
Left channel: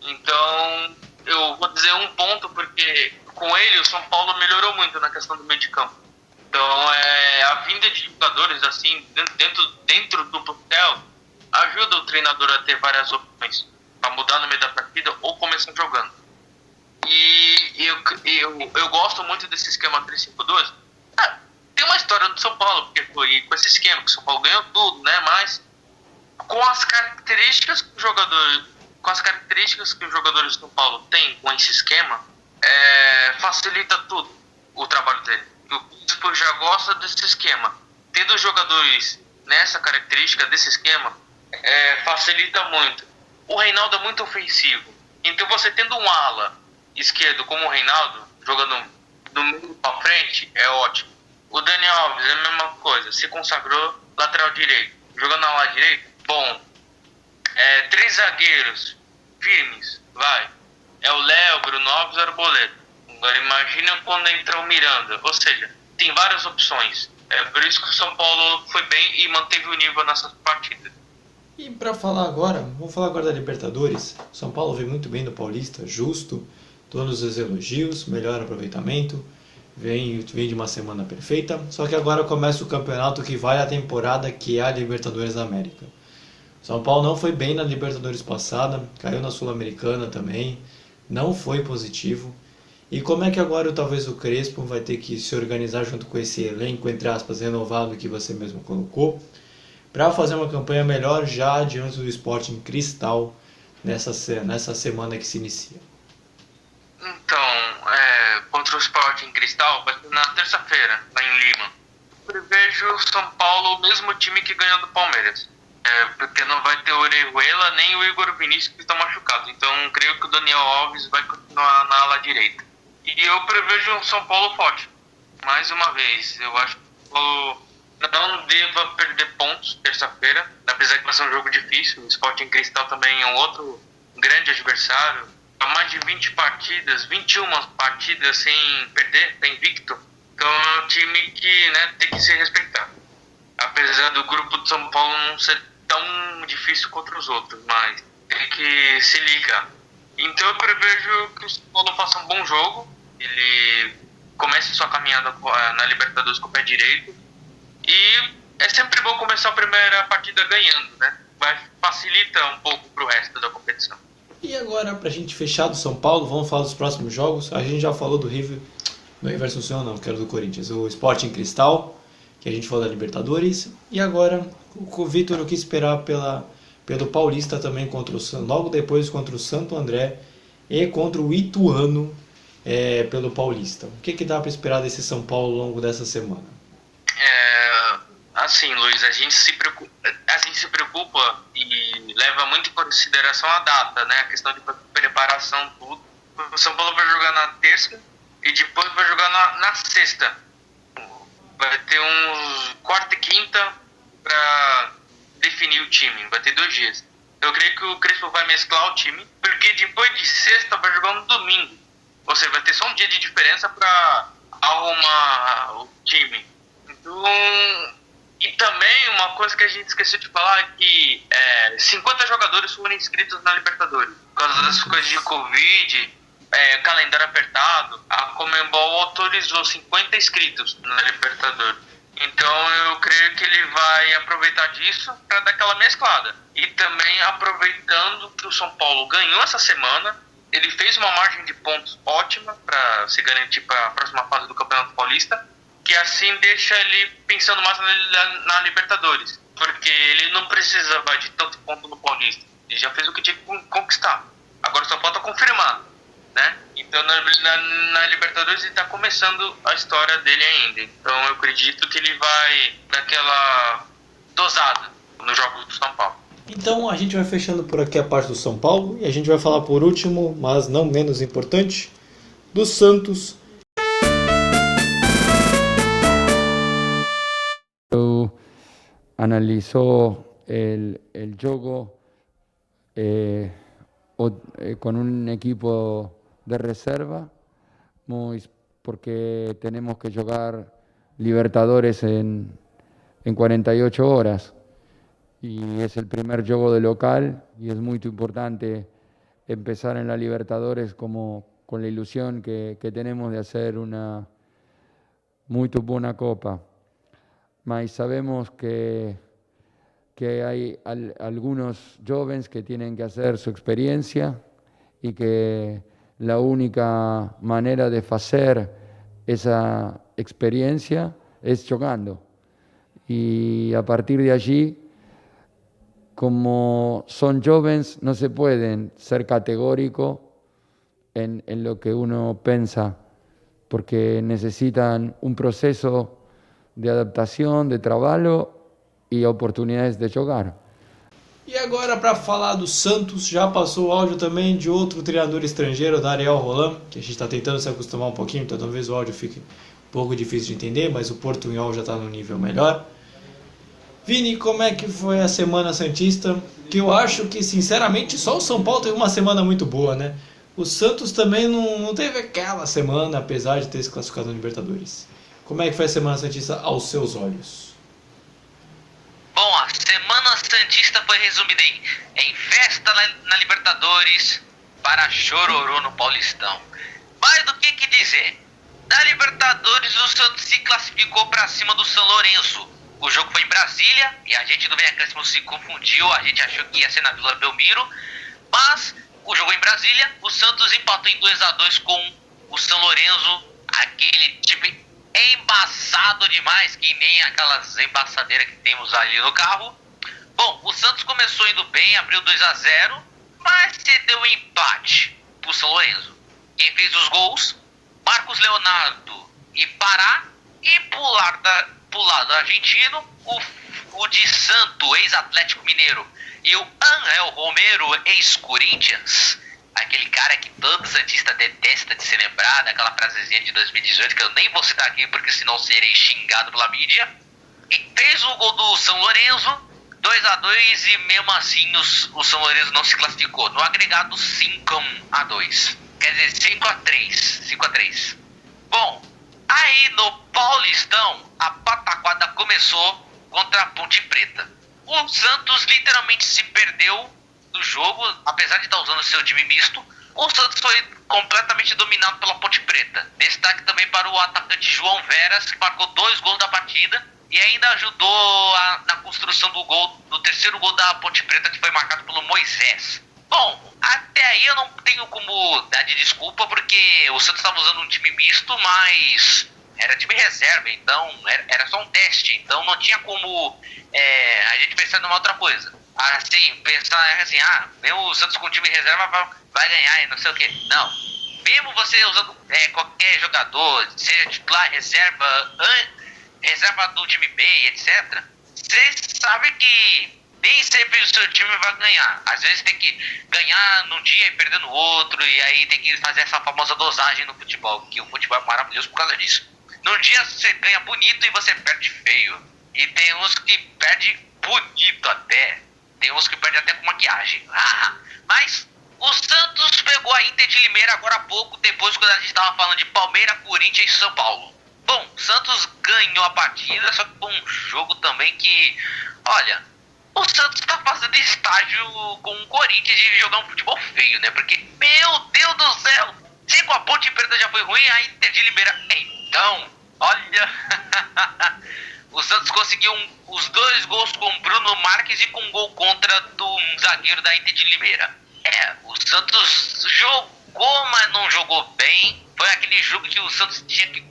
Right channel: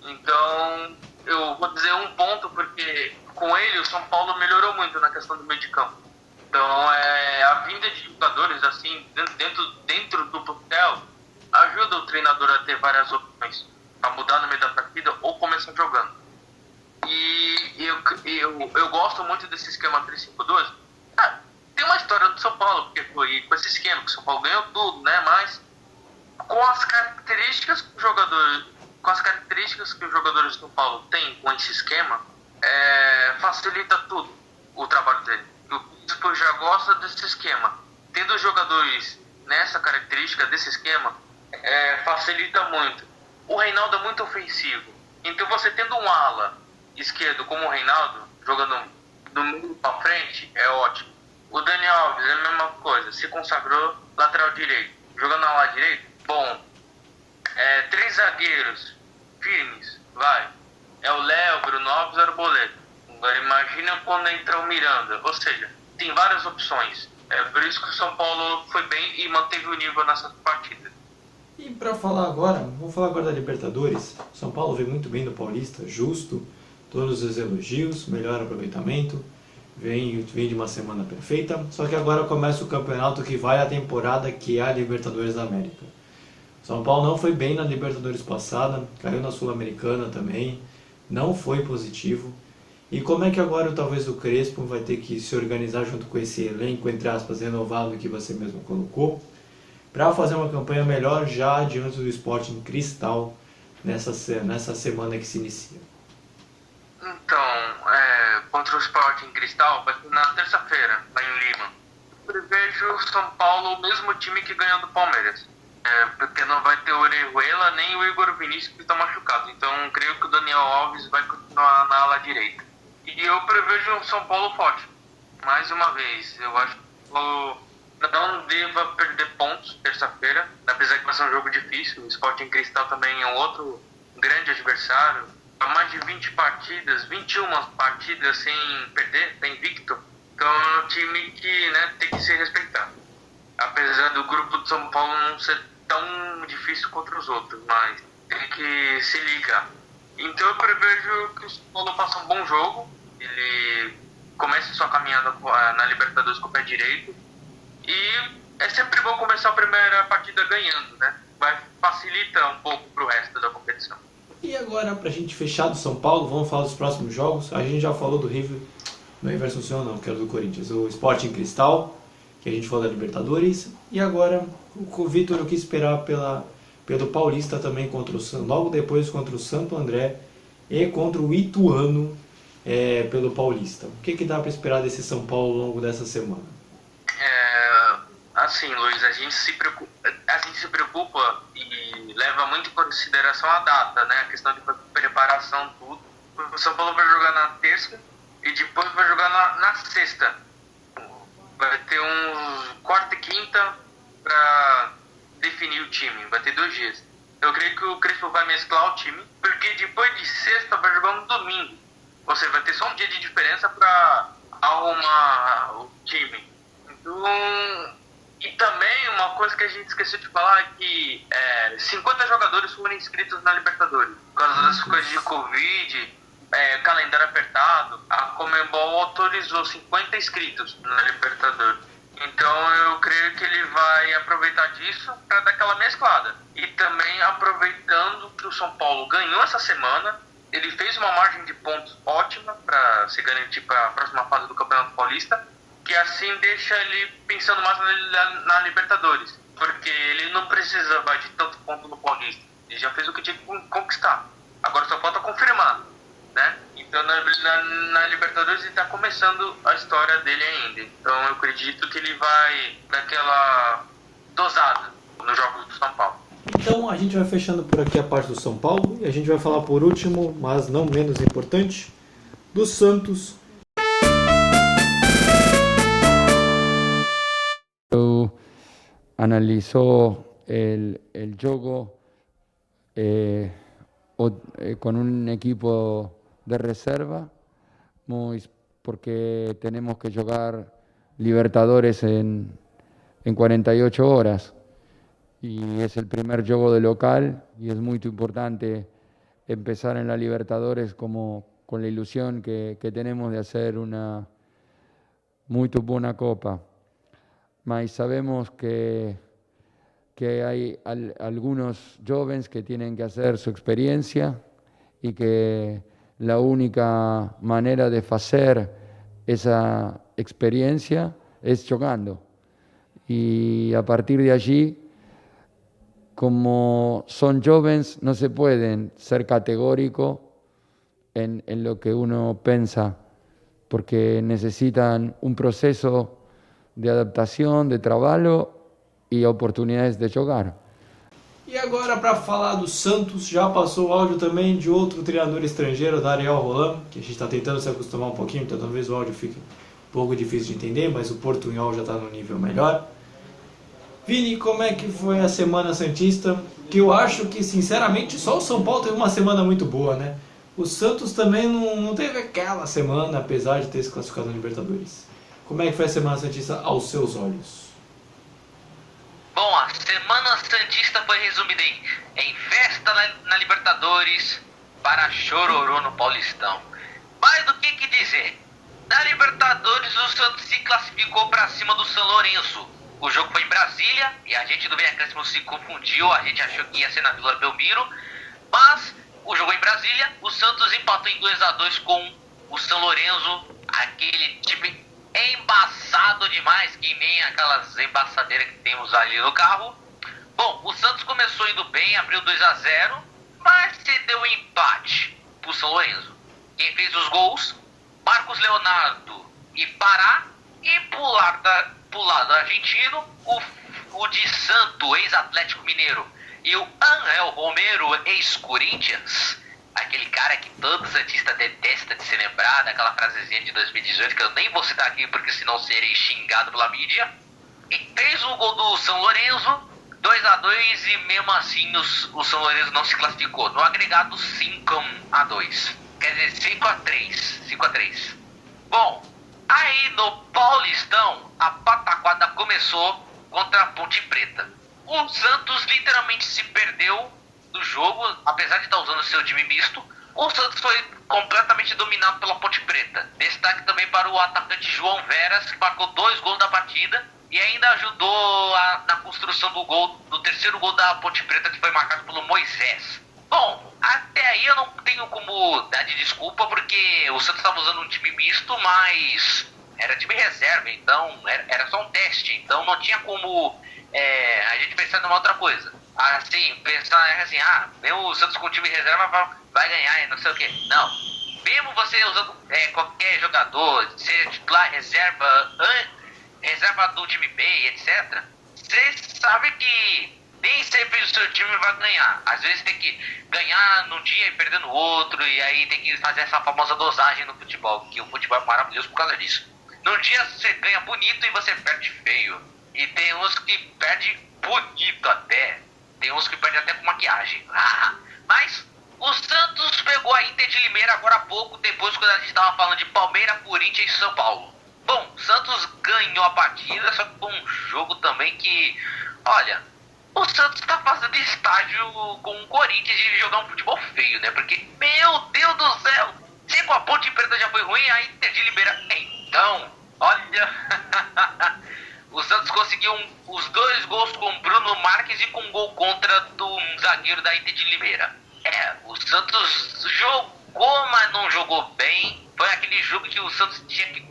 Então, eu vou dizer um ponto, porque com ele o São Paulo melhorou muito na questão do meio de campo. Então, a vinda de jogadores assim, dentro do plantel, ajuda o treinador a ter várias opções para mudar no meio da partida ou começar jogando. E eu gosto muito desse esquema 3-5-2. Tem uma história do São Paulo, porque foi com esse esquema que o São Paulo ganhou tudo, né? Mas com as características que os jogadores do São Paulo têm com esse esquema, facilita tudo o trabalho dele. O Bispo já gosta desse esquema. Tendo jogadores nessa característica desse esquema, facilita muito. O Reinaldo é muito ofensivo. Então você tendo um ala esquerdo como o Reinaldo, jogando do meio para frente, é ótimo. O Daniel Alves é a mesma coisa, se consagrou lateral direito. Jogando na ala direita, bom. 3 zagueiros firmes, vai. É o Léo, Bruno Alves e o Arboleda. Agora imagina quando entra o Miranda. Ou seja, tem várias opções. É por isso que o São Paulo foi bem e manteve o nível nessas partidas. E para falar agora, vamos falar agora da Libertadores. São Paulo veio muito bem do Paulista, justo, todos os elogios, melhor aproveitamento, vem de uma semana perfeita. Só que agora começa o campeonato que vai a temporada, que é a Libertadores da América. São Paulo não foi bem na Libertadores passada, caiu na Sul-Americana também, não foi positivo. E como é que agora talvez o Crespo vai ter que se organizar junto com esse elenco, entre aspas, renovado que você mesmo colocou, para fazer uma campanha melhor já diante do Sporting Cristal nessa semana que se inicia? Então, contra o Sporting Cristal vai ser na terça-feira, lá em Lima. Eu prevejo o São Paulo o mesmo time que ganhou do Palmeiras. Porque não vai ter o Orejuela nem o Igor Vinícius que estão machucados. Então, creio que o Daniel Alves vai continuar na ala direita. E eu prevejo um São Paulo forte. Mais uma vez, eu acho que o Paulo não deva perder pontos terça-feira, apesar que vai ser um jogo difícil. O Sporting Cristal também é um outro grande adversário. Há mais de 20 partidas, 21 partidas sem perder, tá invicto. Então é um time que tem que se respeitar. Apesar do grupo de São Paulo não ser tão difícil contra os outros, mas tem que se ligar. Então eu prevejo que o São Paulo faça um bom jogo, ele comece sua caminhada na Libertadores com o pé direito, e é sempre bom começar a primeira partida ganhando, né? Facilita um pouco pro resto da competição. E agora, pra gente fechar do São Paulo, vamos falar dos próximos jogos. A gente já falou do River, do River Assunção não, que era do Corinthians, o Sporting Cristal, que a gente falou da Libertadores, e agora o Vitor, o que esperar pelo Paulista também, logo depois contra o Santo André e contra o Ituano pelo Paulista. O que dá para esperar desse São Paulo ao longo dessa semana? Assim, Luiz, a gente se preocupa e leva muito em consideração a data, né? A questão de preparação, tudo. O São Paulo vai jogar na terça e depois vai jogar na sexta. Vai ter uns quarta e quinta para definir o time. Vai ter 2 dias. Eu creio que o Crespo vai mesclar o time, porque depois de sexta vai jogar no domingo. Ou seja, vai ter só um dia de diferença para arrumar o time. Então, e também uma coisa que a gente esqueceu de falar é que 50 jogadores foram inscritos na Libertadores. Por causa das coisas de Covid, calendário apertado, a Conmebol autorizou 50 inscritos na Libertadores. Então eu creio que ele vai aproveitar disso para dar aquela mesclada. E também aproveitando que o São Paulo ganhou essa semana, ele fez uma margem de pontos ótima para se garantir para a próxima fase do Campeonato Paulista, que assim deixa ele pensando mais na Libertadores, porque ele não precisava de tanto ponto no Paulista, ele já fez o que tinha que conquistar, agora só falta confirmar, né? Então na Libertadores ele está começando a história dele ainda, então eu acredito que ele vai dar aquela dosada nos jogos do São Paulo. Então a gente vai fechando por aqui a parte do São Paulo e a gente vai falar por último, mas não menos importante, do Santos. Analizó el juego con un equipo de reserva, porque tenemos que jugar Libertadores en 48 horas. Y es el primer juego de local y es muy importante empezar en la Libertadores con la ilusión que tenemos de hacer una muy buena copa. Mas sabemos que hay algunos jóvenes que tienen que hacer su experiencia y que la única manera de hacer esa experiencia es jugando. Y a partir de allí, como son jóvenes, no se pueden ser categóricos en lo que uno piensa, porque necesitan un proceso de adaptação, de trabalho e oportunidades de jogar. E agora, para falar do Santos, já passou o áudio também de outro treinador estrangeiro, da Ariel Roland, que a gente está tentando se acostumar um pouquinho, então talvez o áudio fique um pouco difícil de entender, mas o portunhol já está no nível melhor. Vini, como é que foi a Semana Santista? Que eu acho que, sinceramente, só o São Paulo teve uma semana muito boa, né? O Santos também não teve aquela semana, apesar de ter se classificado no Libertadores. Como é que foi a Semana Santista aos seus olhos? Bom, a Semana Santista foi resumida em festa na Libertadores para chororô no Paulistão. Mais do que dizer, na Libertadores o Santos se classificou para cima do São Lourenço. O jogo foi em Brasília e a gente do Vem Acréscimo se confundiu, a gente achou que ia ser na Vila Belmiro, mas o jogo em Brasília, o Santos empatou em 2-2 com o São Lourenço, aquele time embaçado demais, que nem aquelas embaçadeiras que temos ali no carro. Bom, o Santos começou indo bem, abriu 2-0, mas cedeu o empate pro São Lourenço. Quem fez os gols? Marcos Leonardo e Pará, e pro lado argentino, o de Santo, ex-Atlético Mineiro, e o Ángel Romero, ex-Corinthians, aquele cara que todo santista detesta de ser lembrado, aquela frasezinha de 2018 que eu nem vou citar aqui porque senão serei xingado pela mídia, e fez o gol do São Lourenço, 2-2, e mesmo assim o São Lourenço não se classificou, no agregado 5-2, quer dizer 5-3. Bom, aí no Paulistão a pataquada começou contra a Ponte Preta. O Santos literalmente se perdeu do jogo, apesar de estar usando seu time misto. O Santos foi completamente dominado pela Ponte Preta. Destaque também para o atacante João Veras, que marcou 2 gols da partida e ainda ajudou na construção do terceiro gol da Ponte Preta, que foi marcado pelo Moisés. Bom, até aí eu não tenho como dar de desculpa, porque o Santos estava usando um time misto, mas era time reserva, então era só um teste, então não tinha como a gente pensar numa outra coisa. Assim, pensar assim, mesmo o Santos com o time reserva vai ganhar e não sei o que. Não, mesmo você usando qualquer jogador, seja titular, reserva do time B, etc., você sabe que nem sempre o seu time vai ganhar. Às vezes tem que ganhar num dia e perder no outro, e aí tem que fazer essa famosa dosagem no futebol, que o futebol é maravilhoso por causa disso. Num dia você ganha bonito e você perde feio. E tem uns que perdem bonito até. Tem uns que perdem até com maquiagem. Mas o Santos pegou a Inter de Limeira agora há pouco, depois quando a gente estava falando de Palmeiras, Corinthians e São Paulo. Bom, o Santos ganhou a partida, só que foi um jogo também que, olha, o Santos está fazendo estágio com o Corinthians de jogar um futebol feio, né? Porque, meu Deus do céu, se com a Ponte Preta já foi ruim, a Inter de Limeira, então, olha, o Santos conseguiu os 2 gols com Bruno Marques e com um gol contra do zagueiro da Inter de Limeira. O Santos jogou, mas não jogou bem. Foi aquele jogo que o Santos tinha que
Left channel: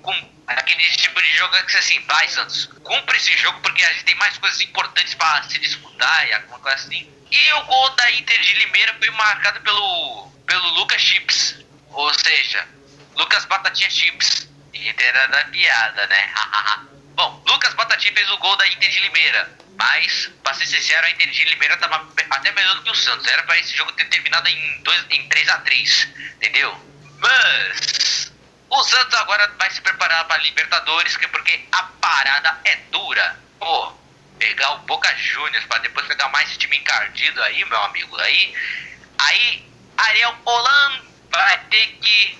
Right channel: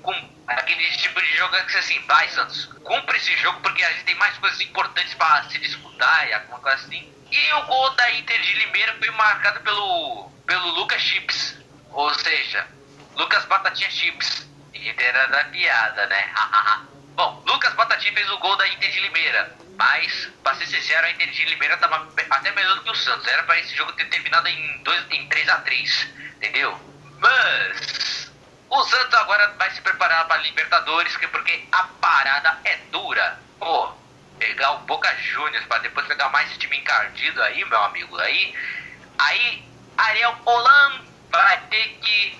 aquele tipo de jogo que assim, vai Santos, cumpre esse jogo porque a gente tem mais coisas importantes para se disputar e alguma coisa assim. E o gol da Inter de Limeira foi marcado pelo Lucas Chips, ou seja, Lucas Batatinha Chips. Inter era da piada, né? Bom, Lucas Batatinha fez o gol da Inter de Limeira, mas, pra ser sincero, a Inter de Limeira tava até melhor do que o Santos. Era pra esse jogo ter terminado em 3-3, entendeu? Mas o Santos agora vai se preparar pra Libertadores, porque a parada é dura. Pô, pegar o Boca Juniors pra depois pegar mais esse time encardido aí, meu amigo, aí Ariel Holan vai ter que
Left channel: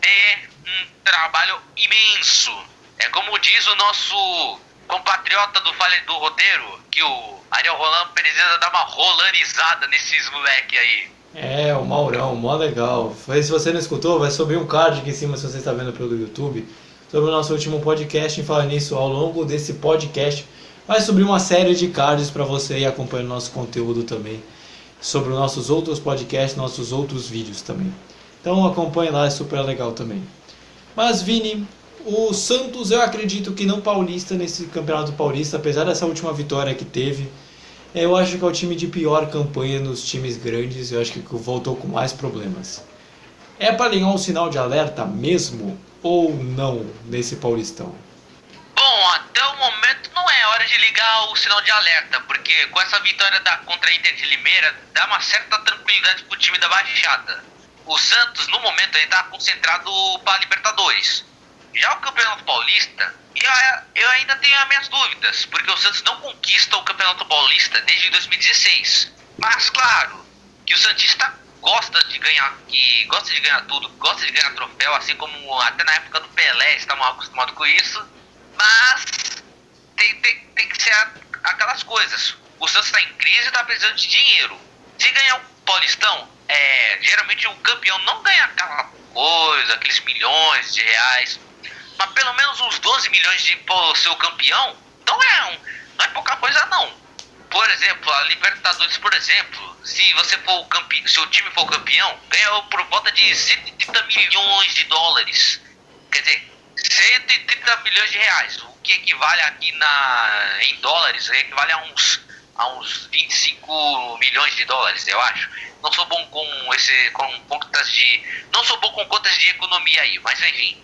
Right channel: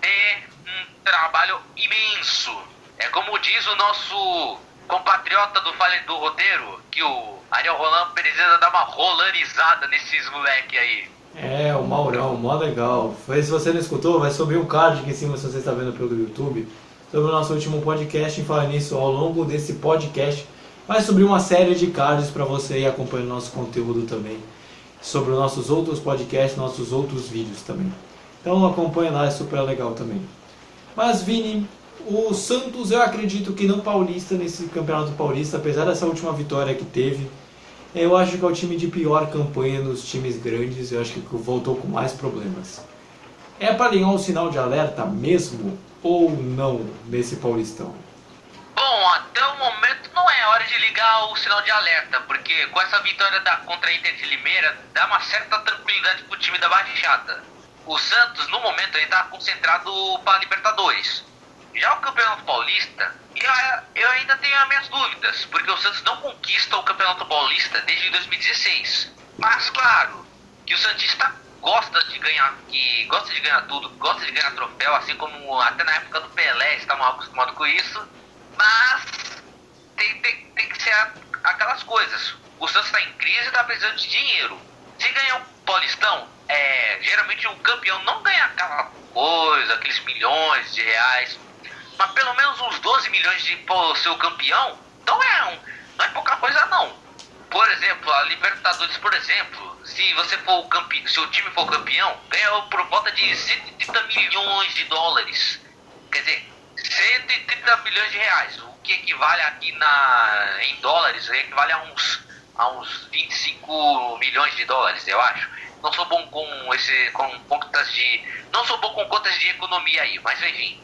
ter um trabalho imenso. É como diz o nosso compatriota do roteiro, que o Ariel Holan precisa dar uma rolanizada nesses moleque aí. É, o Maurão, mó legal. Se você não escutou, vai subir um card aqui em cima se você está vendo pelo YouTube, sobre o nosso último podcast. E falar nisso, ao longo desse podcast vai subir uma série de cards para você ir acompanhando nosso conteúdo também, sobre os nossos outros podcasts, nossos outros vídeos também. Então acompanhe lá, é super legal também. Mas Vini, o Santos, eu acredito que não paulista nesse Campeonato Paulista, apesar dessa última vitória que teve, eu acho que é o time de pior campanha nos times grandes, eu acho que voltou com mais problemas. É para ligar um sinal de alerta mesmo ou não nesse Paulistão? Bom, até o momento não é hora de ligar o sinal de alerta, porque com essa vitória contra a Inter de Limeira dá uma certa tranquilidade pro time da Baixada. O Santos, no momento, ele tá concentrado para Libertadores. Já o Campeonato Paulista, eu ainda tenho as minhas dúvidas, porque o Santos não conquista o Campeonato Paulista desde 2016. Mas claro, que o santista gosta de ganhar tudo, gosta de ganhar troféu, assim como até na época do Pelé estavam acostumados com isso. Mas tem que ser aquelas coisas. O Santos está em crise e está precisando de dinheiro. Se ganhar o Paulistão, geralmente o campeão não ganha aquela coisa, aqueles milhões de reais, mas pelo menos uns 12 milhões de ser o campeão não é pouca coisa não. Por exemplo, a Libertadores, por exemplo, se você for se o time for campeão, ganha por volta de 130 milhões de dólares. Quer dizer, 130 milhões de reais, o que equivale aqui em dólares, equivale a uns 25 milhões de dólares, eu acho. Não sou bom não sou bom com contas de economia aí, mas enfim.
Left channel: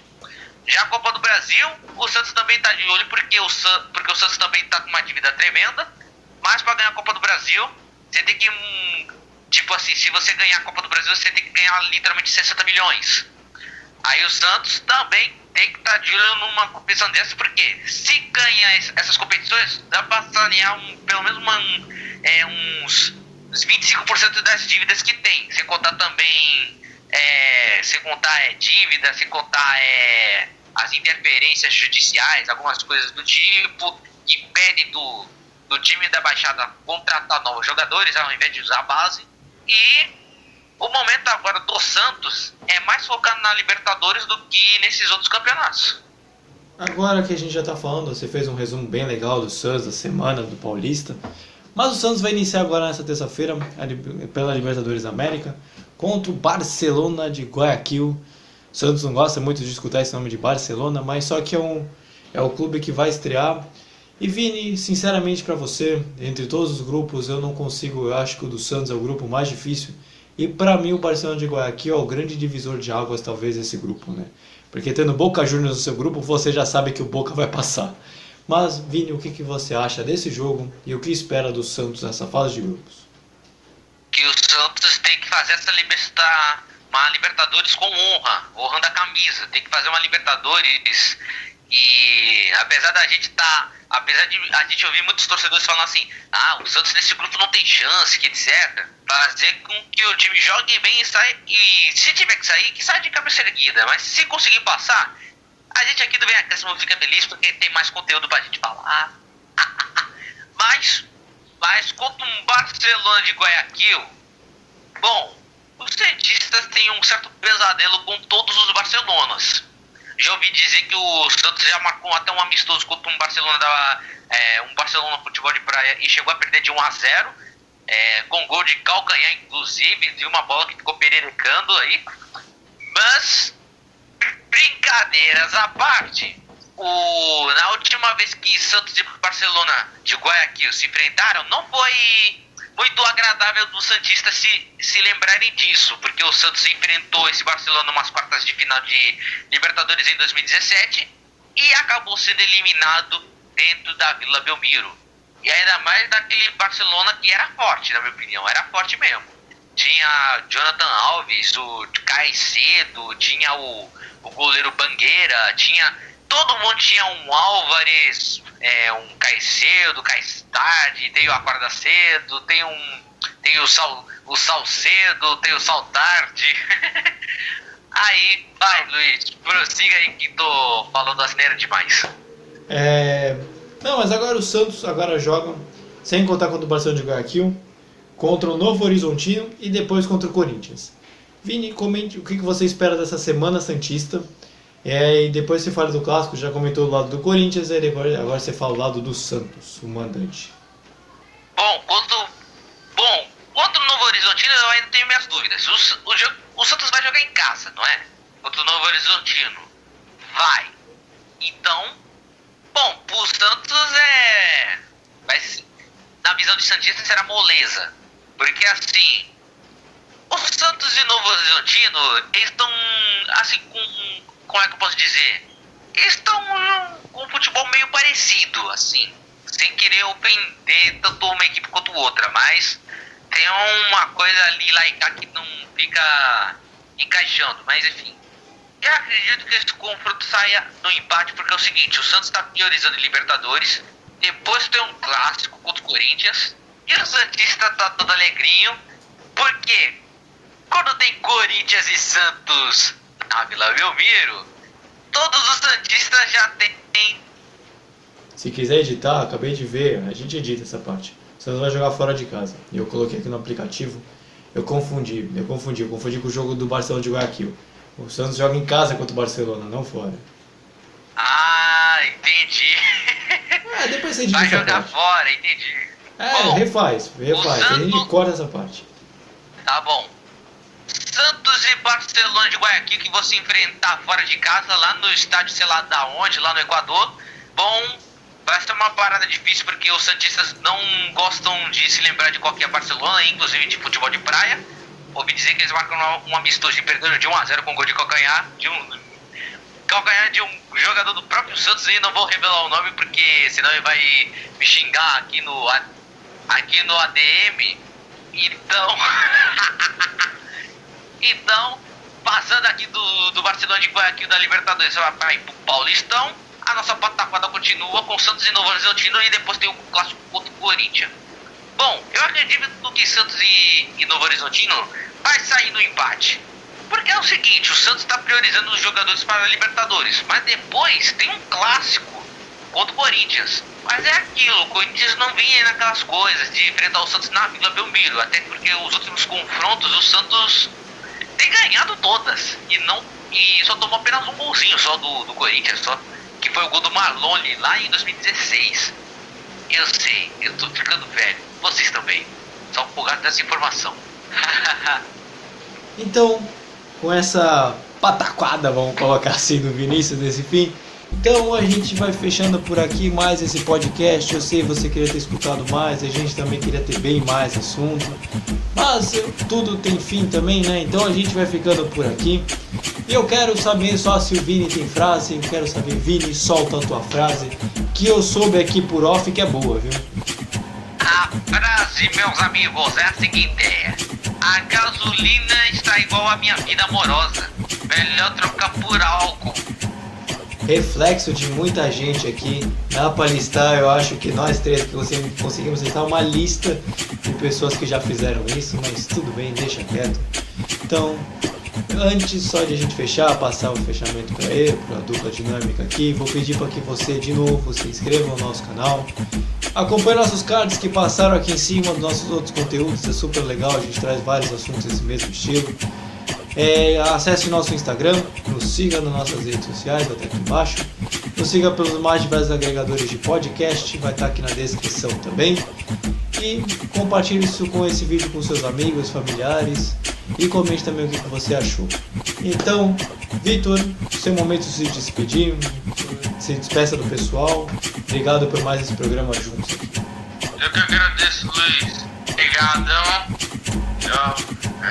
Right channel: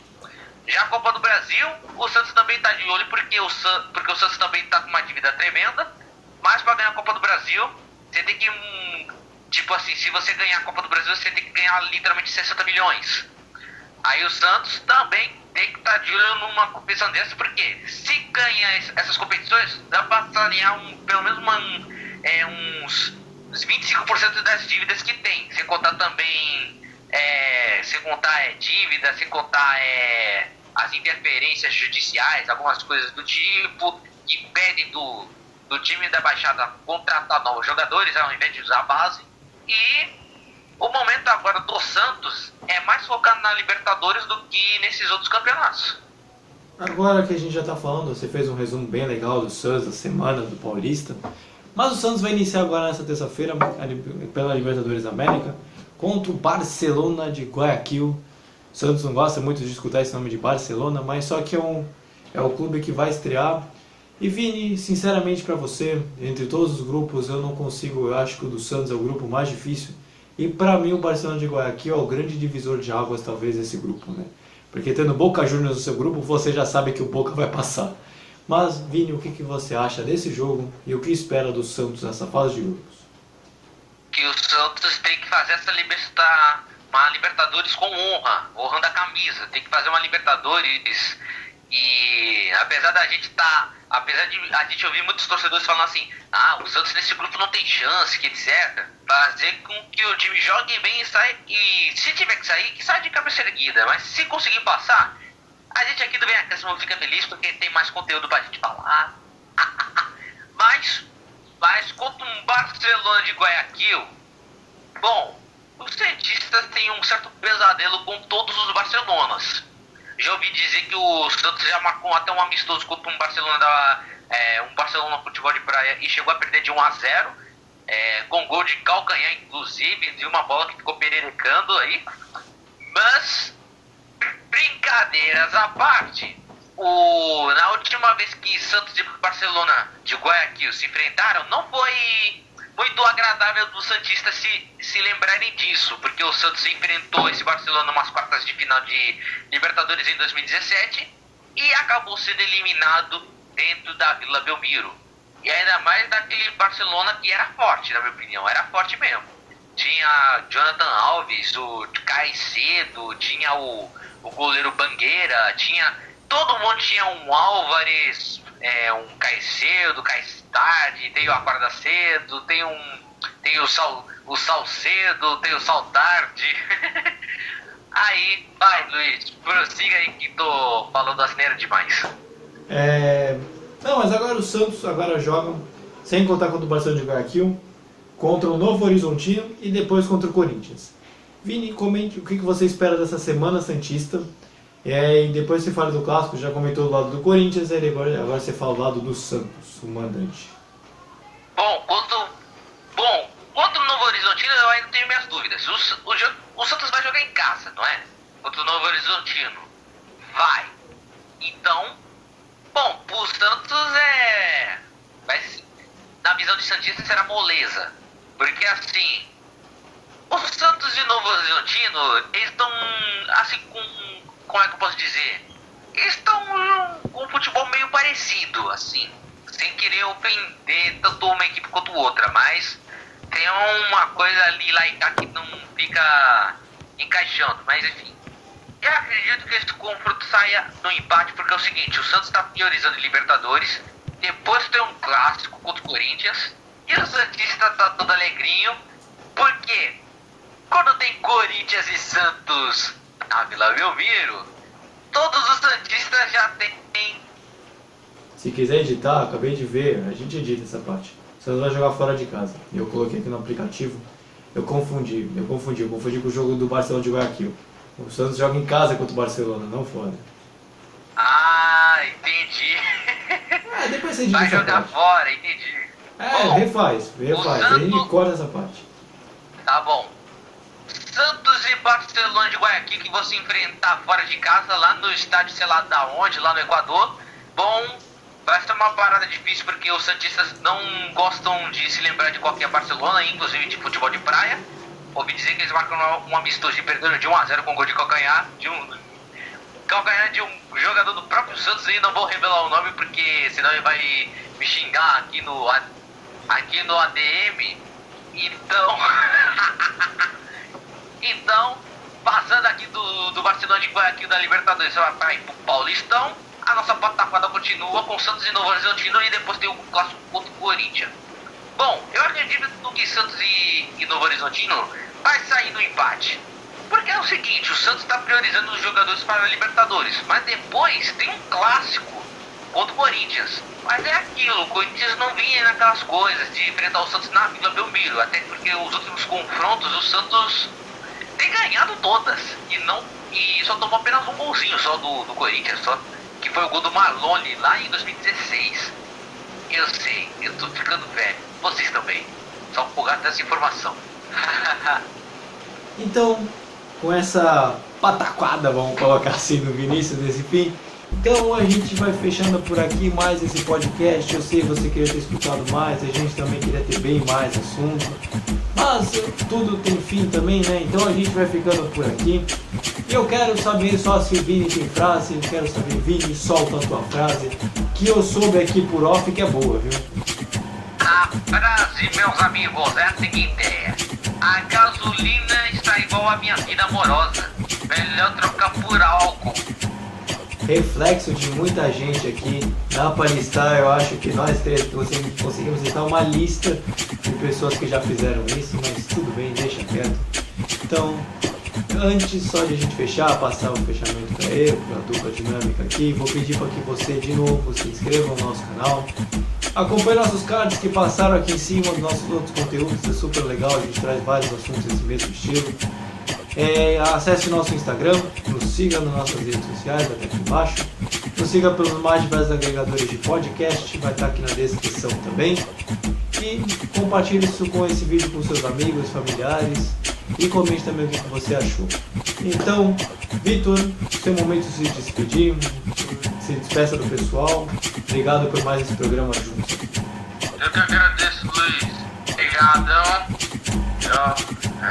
Já a Copa do Brasil, o Santos também está de olho porque o Santos também está com uma dívida tremenda. Mas para ganhar a Copa do Brasil, você tem que, tipo assim, se você ganhar a Copa do Brasil, você tem que ganhar literalmente 60 milhões. Aí o Santos também tem que estar de olho numa competição dessa, porque se ganhar essas competições, dá para sanear pelo menos uns 25% das dívidas que tem. Sem contar também, dívida, sem contar as interferências judiciais, algumas coisas do tipo, que impedem do time da Baixada contratar novos jogadores ao invés de usar a base. E o momento agora do Santos é mais focado na Libertadores do que nesses outros campeonatos. Agora que a gente já está falando, você fez um resumo bem legal do Santos, da semana do Paulista. Mas o Santos vai iniciar agora nessa terça-feira pela Libertadores da América contra o Barcelona de Guayaquil. O Santos não gosta muito de escutar esse nome de Barcelona, mas só que é o clube que vai estrear. E Vini, sinceramente para você, entre todos os grupos eu acho que o do Santos é o grupo mais difícil. E para mim o Barcelona de Guayaquil é o grande divisor de águas talvez desse grupo, né? Porque tendo Boca Juniors no seu grupo, você já sabe que o Boca vai passar. Mas Vini, o que você acha desse jogo e o que espera do Santos nessa fase de grupos? Que o Santos tem que fazer uma Libertadores com honrando a camisa. Tem que fazer uma Libertadores e apesar de a gente ouvir muitos torcedores falando assim, o Santos nesse grupo não tem chance, que etc. Fazer com que o time jogue bem e se tiver que sair, que saia de cabeça erguida. Mas se conseguir passar, a gente aqui do Vem Acréscimo fica feliz porque tem mais conteúdo pra gente falar. Mas contra um Barcelona de Guayaquil, bom, os cientistas têm um certo pesadelo com todos os Barcelonas. Já ouvi dizer que o Santos já marcou até um amistoso contra um Barcelona Futebol de Praia e chegou a perder de 1-0, com gol de calcanhar, inclusive, de uma bola que ficou pererecando aí. Mas, brincadeiras à parte, na última vez que Santos e Barcelona de Guayaquil se enfrentaram, não foi muito agradável dos santistas se lembrarem disso, porque o Santos enfrentou esse Barcelona umas quartas de final de Libertadores em 2017 e acabou sendo eliminado dentro da Vila Belmiro. E ainda mais daquele Barcelona que era forte, na minha opinião, era forte mesmo. Tinha Jonathan Alves, o Caicedo, tinha o goleiro Bangueira, todo mundo tinha um Álvares, um Caicedo, Caistade, tem o Acorda Cedo, tem o Salcedo, tem o Saltardi. Aí, vai Luiz, prossiga aí que tô falando asneira demais. Não, mas agora o Santos joga, sem contar contra o Barcelona de Guayaquil, contra o Novo Horizontino e depois contra o Corinthians. Vini, comente o que você espera dessa semana santista. E depois você fala do clássico, já comentou do lado do Corinthians, e agora você fala do lado do Santos, o mandante. Bom, contra o Novo Horizontino eu ainda tenho minhas dúvidas. O Santos vai jogar em casa, não é? Contra o Novo Horizontino. Vai. Então, bom, pro Santos na visão de santista será moleza. Porque assim, o Santos e o Novo Horizontino, eles estão assim como é que eu posso dizer? Eles estão com um futebol meio parecido, assim. Sem querer ofender tanto uma equipe quanto outra, mas tem uma coisa ali lá e cá que não fica encaixando, mas enfim. Eu acredito que esse confronto saia no empate, porque é o seguinte, o Santos está priorizando Libertadores, depois tem um clássico contra o Corinthians, e o Santista tá todo alegrinho, porque quando tem Corinthians e Santos na Vila Belmiro, todos os santistas já têm. Se quiser editar, acabei de ver, a gente edita essa parte. O Santos vai jogar fora de casa. Eu coloquei aqui no aplicativo, eu confundi com o jogo do Barcelona de Guayaquil. O Santos joga em casa contra o Barcelona, não fora. Ah, entendi. Depois você edita vai essa jogar parte. fora, entendi. Bom, refaz. A gente corta essa parte. Tá bom. Santos e Barcelona de Guayaquil, que vão se enfrentar fora de casa, lá no estádio, sei lá da onde, lá no Equador. Bom, vai ser uma parada difícil, porque os santistas não gostam de se lembrar de qualquer Barcelona, inclusive de futebol de praia. Ouvi dizer que eles marcam um amistoso e perderam de 1-0 com um gol de calcanhar de um jogador do próprio Santos, e não vou revelar o nome, porque senão ele vai me xingar aqui no ADM. Então, passando aqui do Barcelona de Guayaquil da Libertadores, você vai pro Paulistão, a nossa pataquada continua com Santos e Novo Horizontino, e depois tem o clássico contra o Corinthians. Bom, eu acredito que Santos e Novo Horizontino vai sair no empate. Porque é o seguinte, o Santos está priorizando os jogadores para a Libertadores, mas depois tem um clássico contra o Corinthians. Mas é aquilo, o Corinthians não vinha naquelas coisas de enfrentar o Santos na Vila Belmiro, até porque os últimos confrontos o Santos tem ganhado todas e só tomou apenas um golzinho só do Corinthians, só, que foi o gol do Marlone lá em 2016. Eu sei, eu tô ficando velho, vocês também, só por causa dessa informação. Então, com essa pataquada, vamos colocar assim no início desse fim, então a gente vai fechando por aqui mais esse podcast. Eu sei que você queria ter escutado mais, a gente também queria ter bem mais assunto, mas tudo tem fim também, né? Então a gente vai ficando por aqui. E eu quero saber só se o Vini tem frase. Eu quero saber, Vini, solta a tua frase, que eu soube aqui por off que é boa, viu? A frase, meus amigos, é a seguinte: a gasolina está igual à minha vida amorosa, melhor trocar por álcool. Reflexo de muita gente aqui. Dá para listar, eu acho que nós três conseguimos listar uma lista de pessoas que já fizeram isso, mas tudo bem, deixa quieto. Então, antes só de a gente fechar, passar o fechamento para eu, para a dupla dinâmica aqui, vou pedir para que você de novo se inscreva no nosso canal, acompanhe nossos cards que passaram aqui em cima dos nossos outros conteúdos, é super legal, a gente traz vários assuntos desse mesmo estilo. Acesse o nosso Instagram, nos siga nas nossas redes sociais, vai estar aqui embaixo. Nos siga pelos mais diversos agregadores de podcast, vai estar aqui na descrição também. E compartilhe isso com esse vídeo com seus amigos, familiares, e comente também o que você achou. Então, Vitor, seu momento de se despedir, se despeça do pessoal. Obrigado por mais esse programa juntos aqui. Eu que agradeço, Luiz. Obrigadão.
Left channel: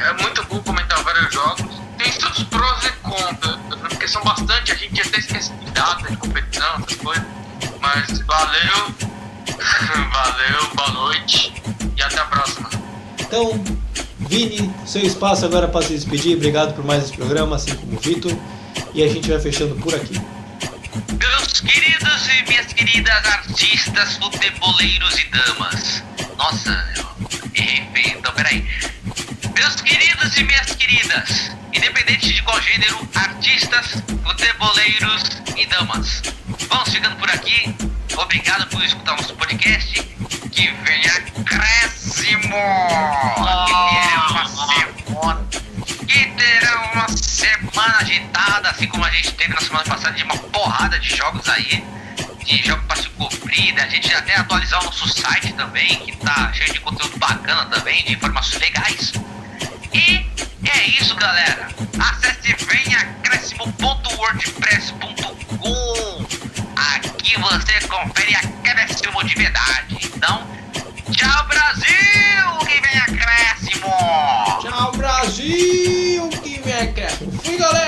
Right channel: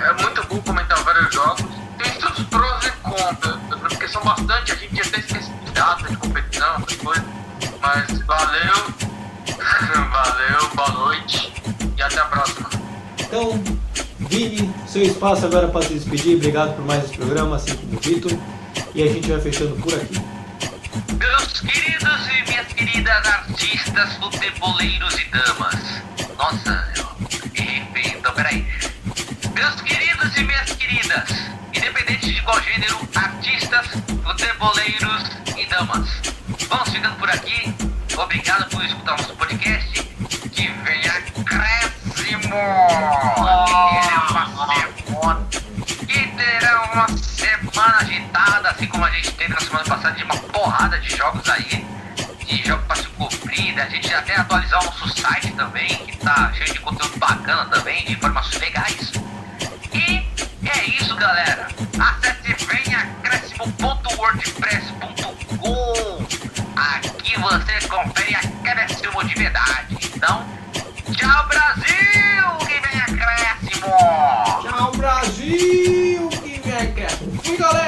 É muito bom comentar vários jogos. Tem todos os prós e contras, porque são bastante, a gente até esquece de data, de competição, essas coisas. Mas valeu, valeu, boa noite e até a próxima. Então, Vini, seu espaço agora para se despedir. Obrigado por mais esse programa, assim como o Vitor. E a gente vai fechando por aqui. Meus queridos e minhas queridas artistas, futeboleiros e damas. Nossa, eu errei feio, então peraí. Meus queridos e minhas queridas, independente de qual gênero, artistas, futeboleiros e damas. Vamos ficando por aqui. Obrigado por escutar o nosso podcast. Que venha acréscimo! Que terá uma semana agitada, assim como a gente teve na semana passada, de uma porrada de jogos aí. De jogos para se cumprir, a gente até atualizar o nosso site também, que tá cheio de conteúdo bacana também, de informações legais. E é isso, galera. Acesse venhacréscimo.wordpress.com. Aqui você confere acréscimo de verdade. Então, tchau, Brasil! Que vem acréscimo! Tchau, Brasil! Que vem acréscimo. Fui, galera!